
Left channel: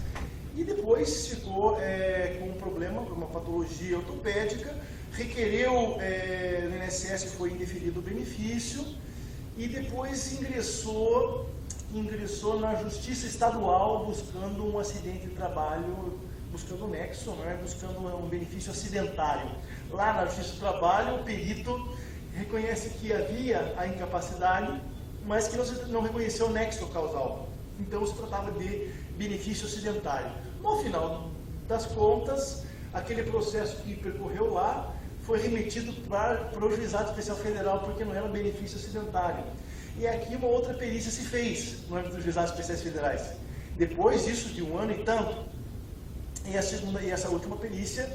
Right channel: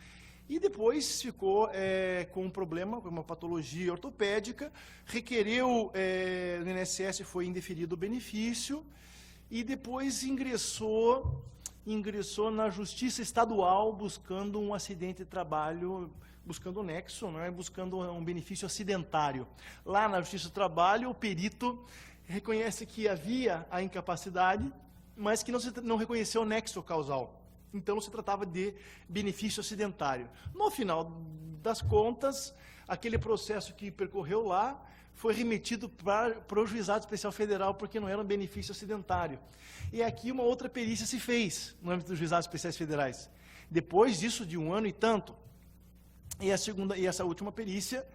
E depois ficou com um problema, por uma patologia ortopédica, requereu no INSS, foi indeferido o benefício, e depois ingressou na Justiça Estadual buscando um acidente de trabalho, buscando o nexo, né, buscando um benefício acidentário. Lá na Justiça do Trabalho, o perito reconhece que havia a incapacidade, mas que não reconheceu o nexo causal. Então se tratava de benefício acidentário. No final das contas, aquele processo que percorreu lá foi remetido para o Juizado Especial Federal, porque não era um benefício acidentário. E aqui uma outra perícia se fez no âmbito dos Juizados Especiais Federais. Depois disso, de 1 ano e tanto, e a segunda e essa última perícia,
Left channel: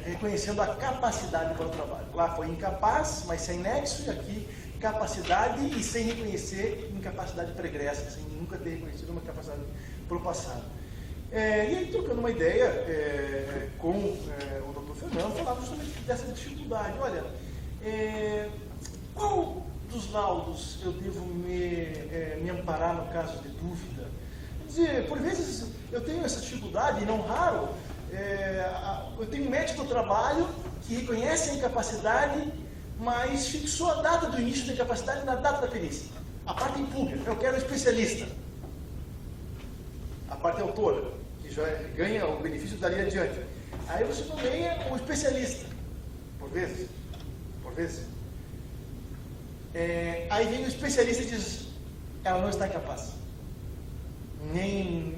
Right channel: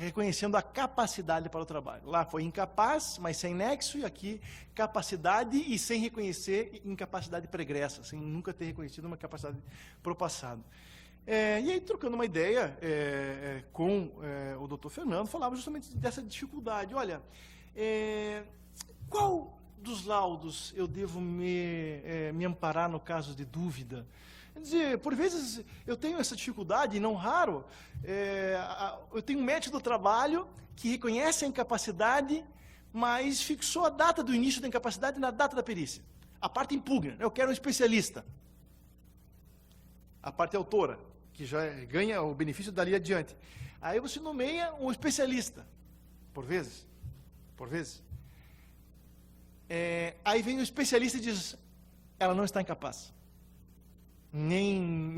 reconhecendo a capacidade para o trabalho. Lá foi incapaz, mas sem nexo, e aqui capacidade e sem reconhecer incapacidade pregressa, sem nunca ter reconhecido uma capacidade para o passado. E trocando uma ideia com o doutor Fernando, falava sobre essa dificuldade. Olha, qual dos laudos eu devo me amparar no caso de dúvida? Quer dizer, por vezes eu tenho essa dificuldade, não raro, eu tenho um médico do trabalho que reconhece a incapacidade, mas fixou a data do início da incapacidade na data da perícia. A parte impugna, eu quero um especialista. A parte autora, que já ganha o benefício dali adiante. Aí você nomeia um especialista, por vezes. Aí vem o especialista e diz, ela não está incapaz. Nem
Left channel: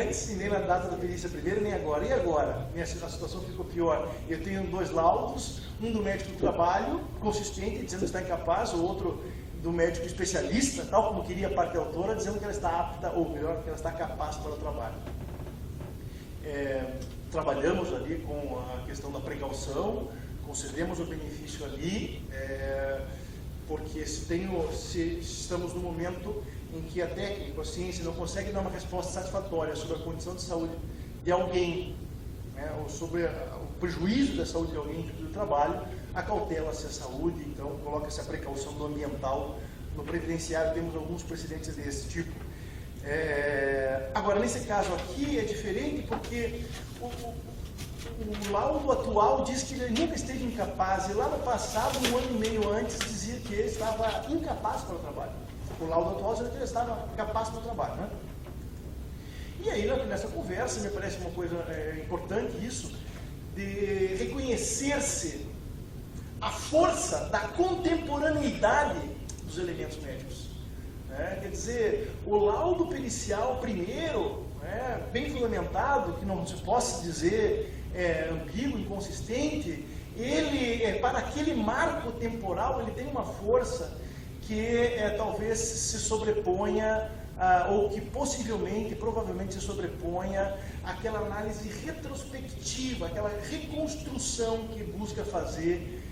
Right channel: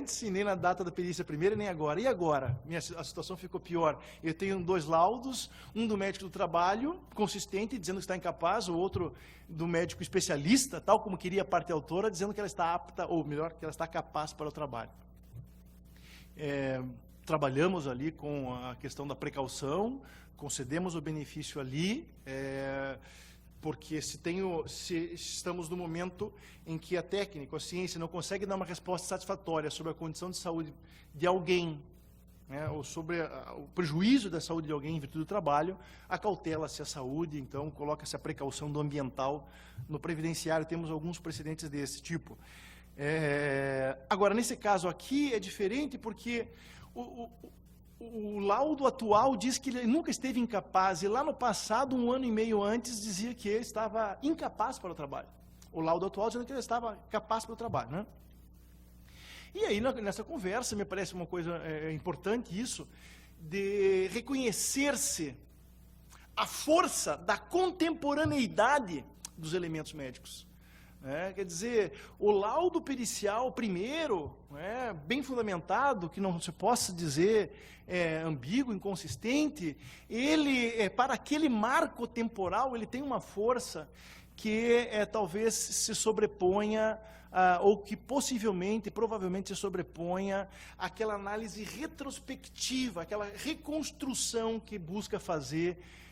antes, nem na data da perícia primeira, nem agora. E agora? A situação ficou pior. Eu tenho 2 laudos, um do médico do trabalho, consistente, dizendo que está incapaz, o outro do médico especialista, tal como queria a parte autora, dizendo que ela está apta, ou melhor, que ela está capaz para o trabalho. Trabalhamos ali com a questão da precaução, concedemos o benefício ali, porque estamos no momento em que a técnica, a ciência não consegue dar uma resposta satisfatória sobre a condição de saúde de alguém, né, ou sobre o prejuízo da saúde de alguém do trabalho, acautela-se a saúde, então coloca-se a precaução do ambiental. No previdenciário temos alguns precedentes desse tipo. Agora, nesse caso aqui é diferente porque o laudo atual diz que ele nunca esteve incapaz, e lá no passado, 1 ano e meio antes, dizia que ele estava incapaz para o trabalho. O laudo atual dizia que ele estava capaz para o trabalho, né? E aí, nessa conversa, me parece uma coisa importante isso, de reconhecer-se a força da contemporaneidade dos elementos médicos. Quer dizer, o laudo pericial primeiro, bem fundamentado, que não se possa dizer ambíguo, inconsistente, ele, para aquele marco temporal, ele tem uma força que talvez se sobreponha, ou que possivelmente, provavelmente se sobreponha àquela análise retrospectiva, aquela reconstrução que busca fazer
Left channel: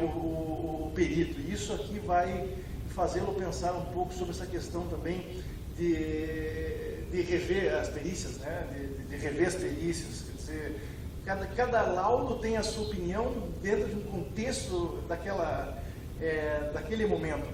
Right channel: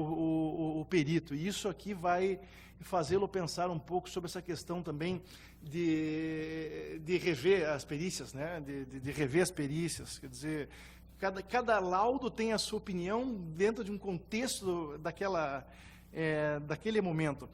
o perito. E isso aqui vai fazê-lo pensar um pouco sobre essa questão também de rever as perícias, né? de rever as perícias, quer dizer, cada laudo tem a sua opinião dentro de um contexto daquele momento.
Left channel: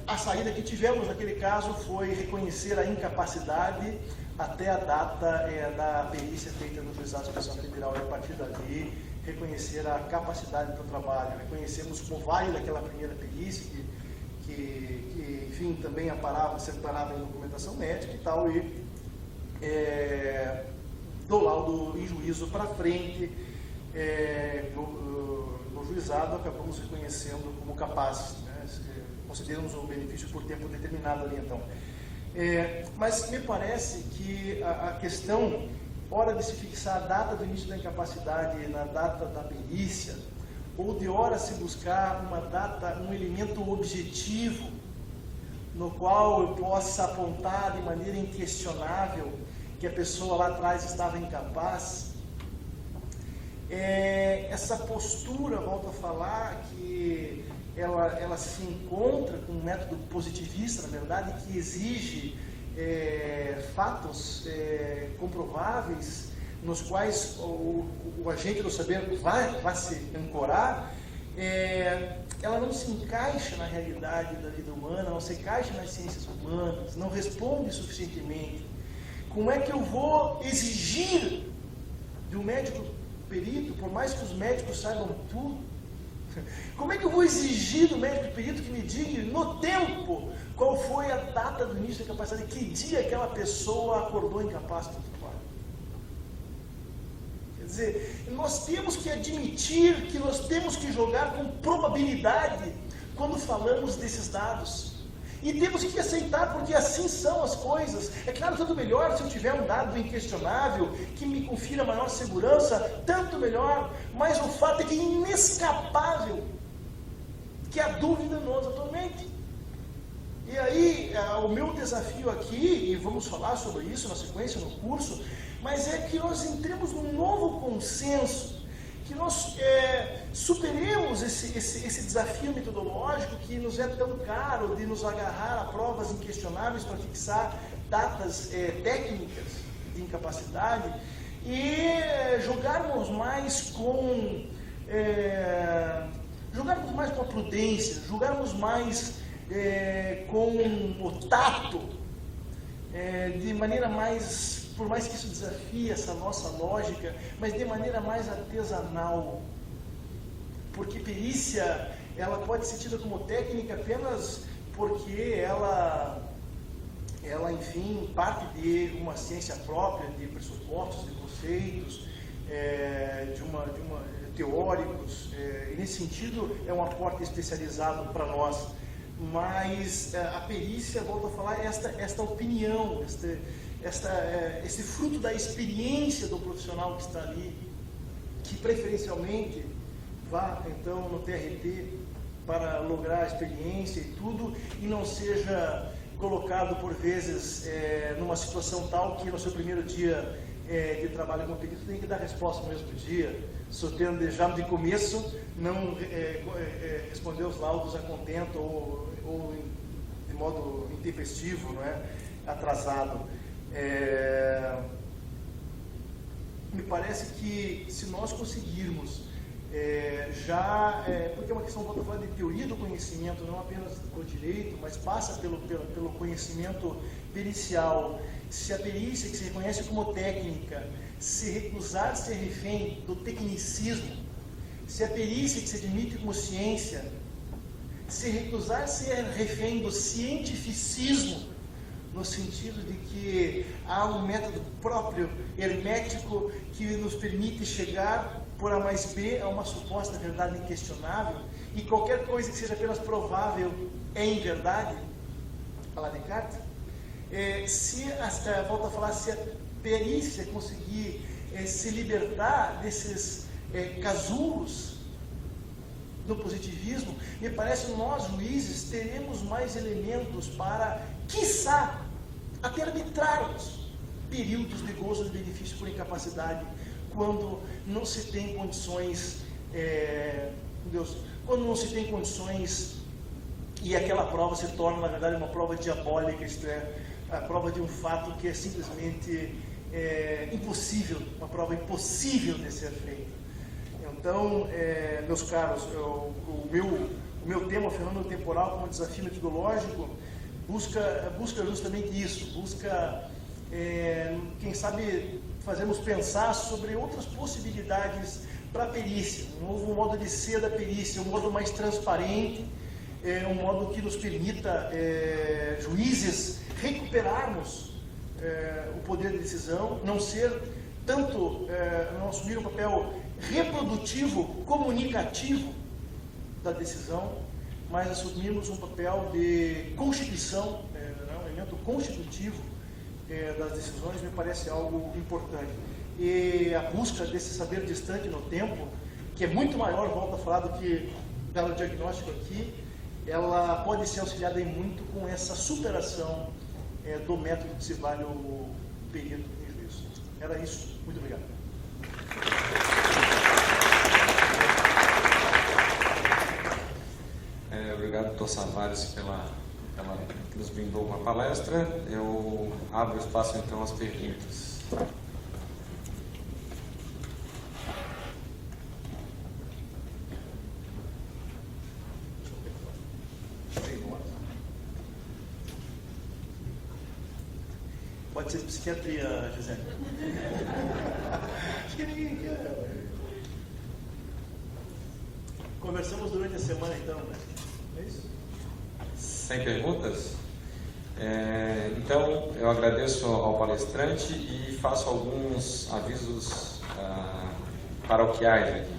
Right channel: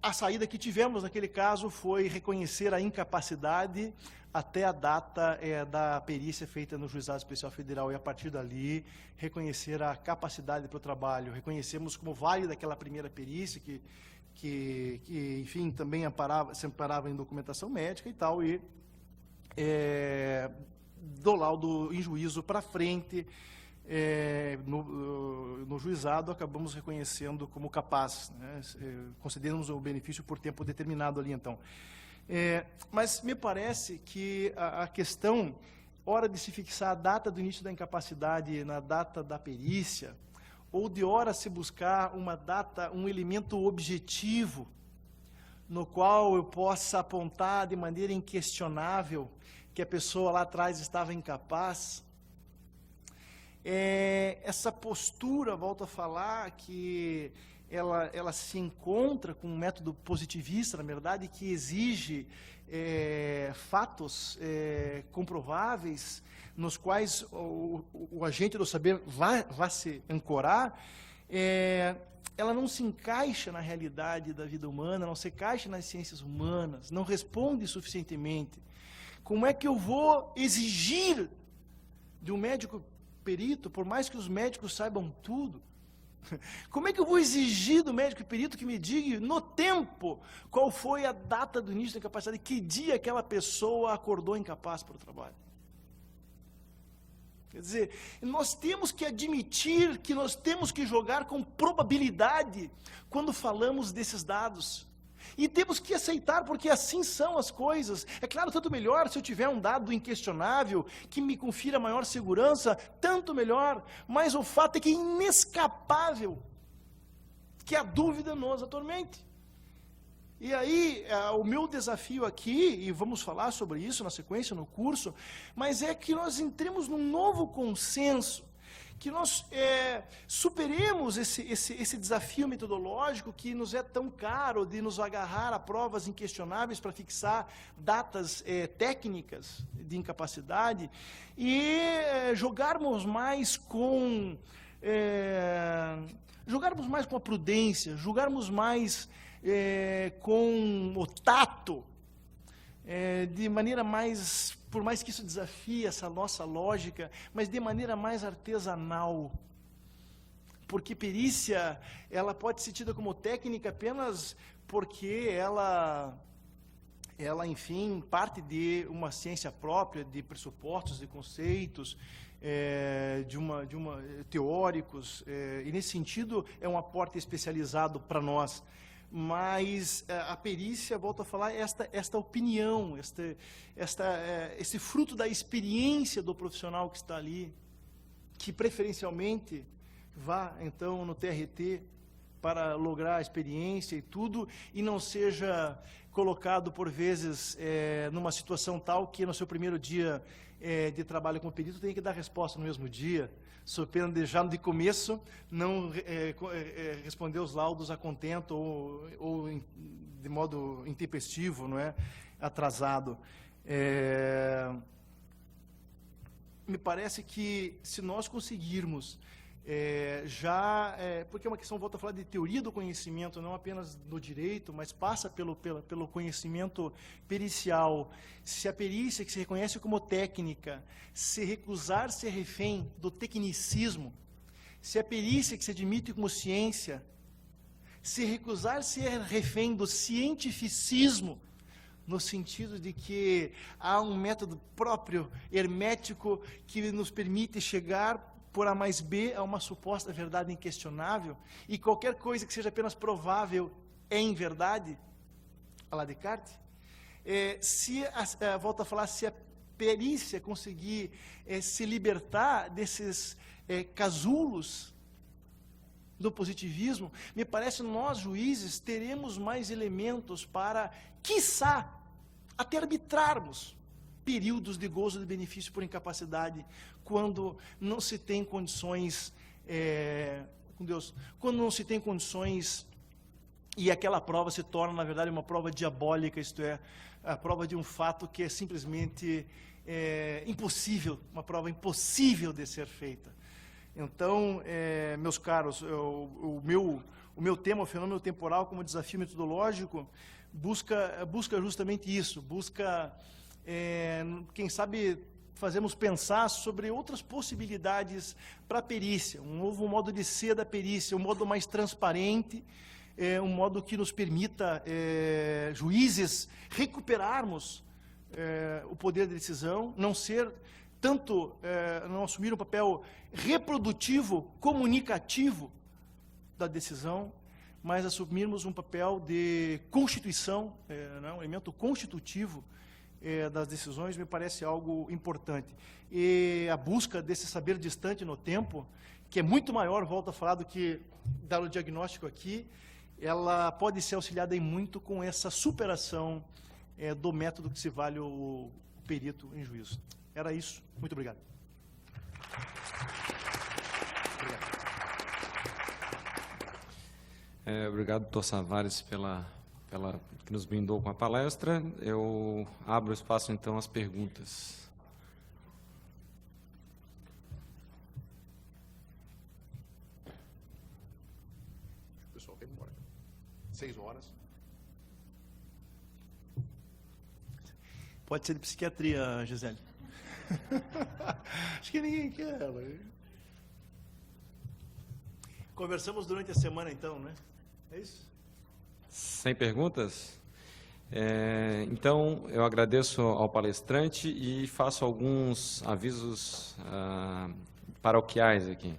A saída que tivemos naquele caso foi reconhecer a incapacidade até a data da perícia feita no Juizado Especial Federal, e a partir dali reconhecer a capacidade para o trabalho. Reconhecemos como válida aquela primeira perícia, que enfim, também sempre parada em documentação médica e tal, e do laudo em juízo para frente, no juizado, acabamos reconhecendo como capazes, né? Consideramos o benefício por tempo determinado ali, então. Mas me parece que a questão, hora de se fixar a data do início da incapacidade na data da perícia, ou de hora se buscar uma data, um elemento objetivo, no qual eu possa apontar de maneira inquestionável que a pessoa lá atrás estava incapaz, essa postura, volto a falar, que ela se encontra com um método positivista, na verdade, que exige fatos comprováveis, nos quais o agente do saber vai se ancorar, ela não se encaixa na realidade da vida humana, não se encaixa nas ciências humanas, não responde suficientemente. Como é que eu vou exigir de um médico perito, por mais que os médicos saibam tudo, como é que eu vou exigir do médico perito que me diga no tempo qual foi a data do início da incapacidade, que dia aquela pessoa acordou incapaz para o trabalho? Quer dizer, nós temos que admitir que nós temos que jogar com probabilidade quando falamos desses dados. E temos que aceitar, porque assim são as coisas. É claro, tanto melhor se eu tiver um dado inquestionável, que me confira maior segurança, tanto melhor. Mas o fato é que é inescapável que a dúvida nos atormente. E aí, o meu desafio aqui, e vamos falar sobre isso na sequência no curso, mas é que nós entremos num novo consenso, que nós superemos esse desafio metodológico que nos é tão caro de nos agarrar a provas inquestionáveis para fixar datas técnicas de incapacidade e jogarmos mais com a prudência, jogarmos mais com o tato, de maneira mais, por mais que isso desafie essa nossa lógica, mas de maneira mais artesanal. Porque perícia, ela pode ser tida como técnica apenas porque ela enfim, parte de uma ciência própria, de pressupostos, de conceitos, teóricos, e nesse sentido é um aporte especializado para nós. Mas a perícia, volto a falar, esta opinião, esse fruto da experiência do profissional que está ali, que preferencialmente vá então no TRT para lograr a experiência e tudo, e não seja colocado por vezes numa situação tal que no seu primeiro dia de trabalho como perito tem que dar resposta no mesmo dia, surpreender já de começo, não responder os laudos a contento ou de modo intempestivo, não é? Atrasado. Me parece que se nós conseguirmos porque é uma questão, vou falar de teoria do conhecimento, não apenas do direito, mas passa pelo conhecimento pericial. Se a perícia, que se reconhece como técnica, se recusar a ser refém do tecnicismo, se a perícia, que se admite como ciência, se recusar a ser refém do cientificismo, no sentido de que há um método próprio, hermético, que nos permite chegar por A mais B a uma suposta verdade inquestionável, e qualquer coisa que seja apenas provável é em verdade, falar Descartes, volto a falar, se a perícia conseguir se libertar desses casulos do positivismo, me parece que nós, juízes, teremos mais elementos para, quiçá, até arbitrarmos períodos de gozo de benefício por incapacidade, quando não se tem condições, quando não se tem condições e aquela prova se torna, na verdade, uma prova diabólica, isto é, a prova de um fato que é simplesmente impossível, uma prova impossível de ser feita. Então, meus caros, o meu tema, o fenômeno temporal como desafio metodológico, busca justamente isso, busca, quem sabe, fazermos pensar sobre outras possibilidades para a perícia, um novo modo de ser da perícia, um modo mais transparente, um modo que nos permita, juízes, recuperarmos o poder de decisão, não ser tanto, não assumir o papel reprodutivo, comunicativo da decisão, mas assumirmos um papel de constituição, um elemento constitutivo das decisões, me parece algo importante. E a busca desse saber distante no tempo, que é muito maior, volto a falar, do que dado o diagnóstico aqui, ela pode ser auxiliada em muito com essa superação do método que se vale o perito em juízo. Era isso. Muito obrigado. Obrigado, Dr. Savares, pela nos brindou com a palestra. Eu abro espaço então às perguntas. Pode ser psiquiatria, Gisele. Acho que ninguém quer. Conversamos durante a semana, então, né? É isso? Sem perguntas? Então, eu agradeço ao palestrante e faço alguns avisos paroquiais aqui.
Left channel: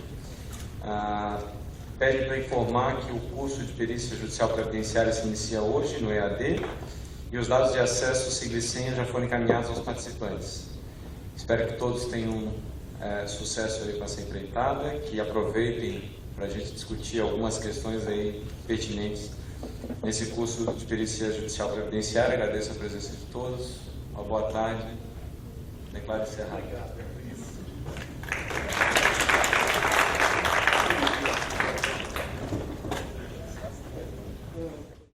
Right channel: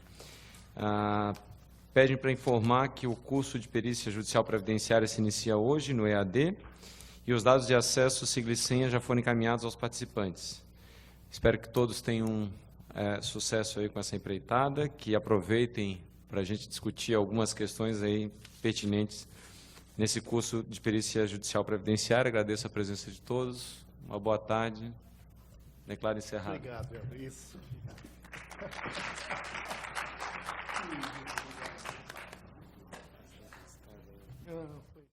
Pede para informar que o curso de Perícia Judicial Previdenciária se inicia hoje no EAD e os dados de acesso, sigla e senha, já foram encaminhados aos participantes. Espero que todos tenham sucesso aí com essa empreitada, que aproveitem para a gente discutir algumas questões aí pertinentes nesse curso de Perícia Judicial Previdenciária. Agradeço a presença de todos. Uma boa tarde. Declaro encerrado.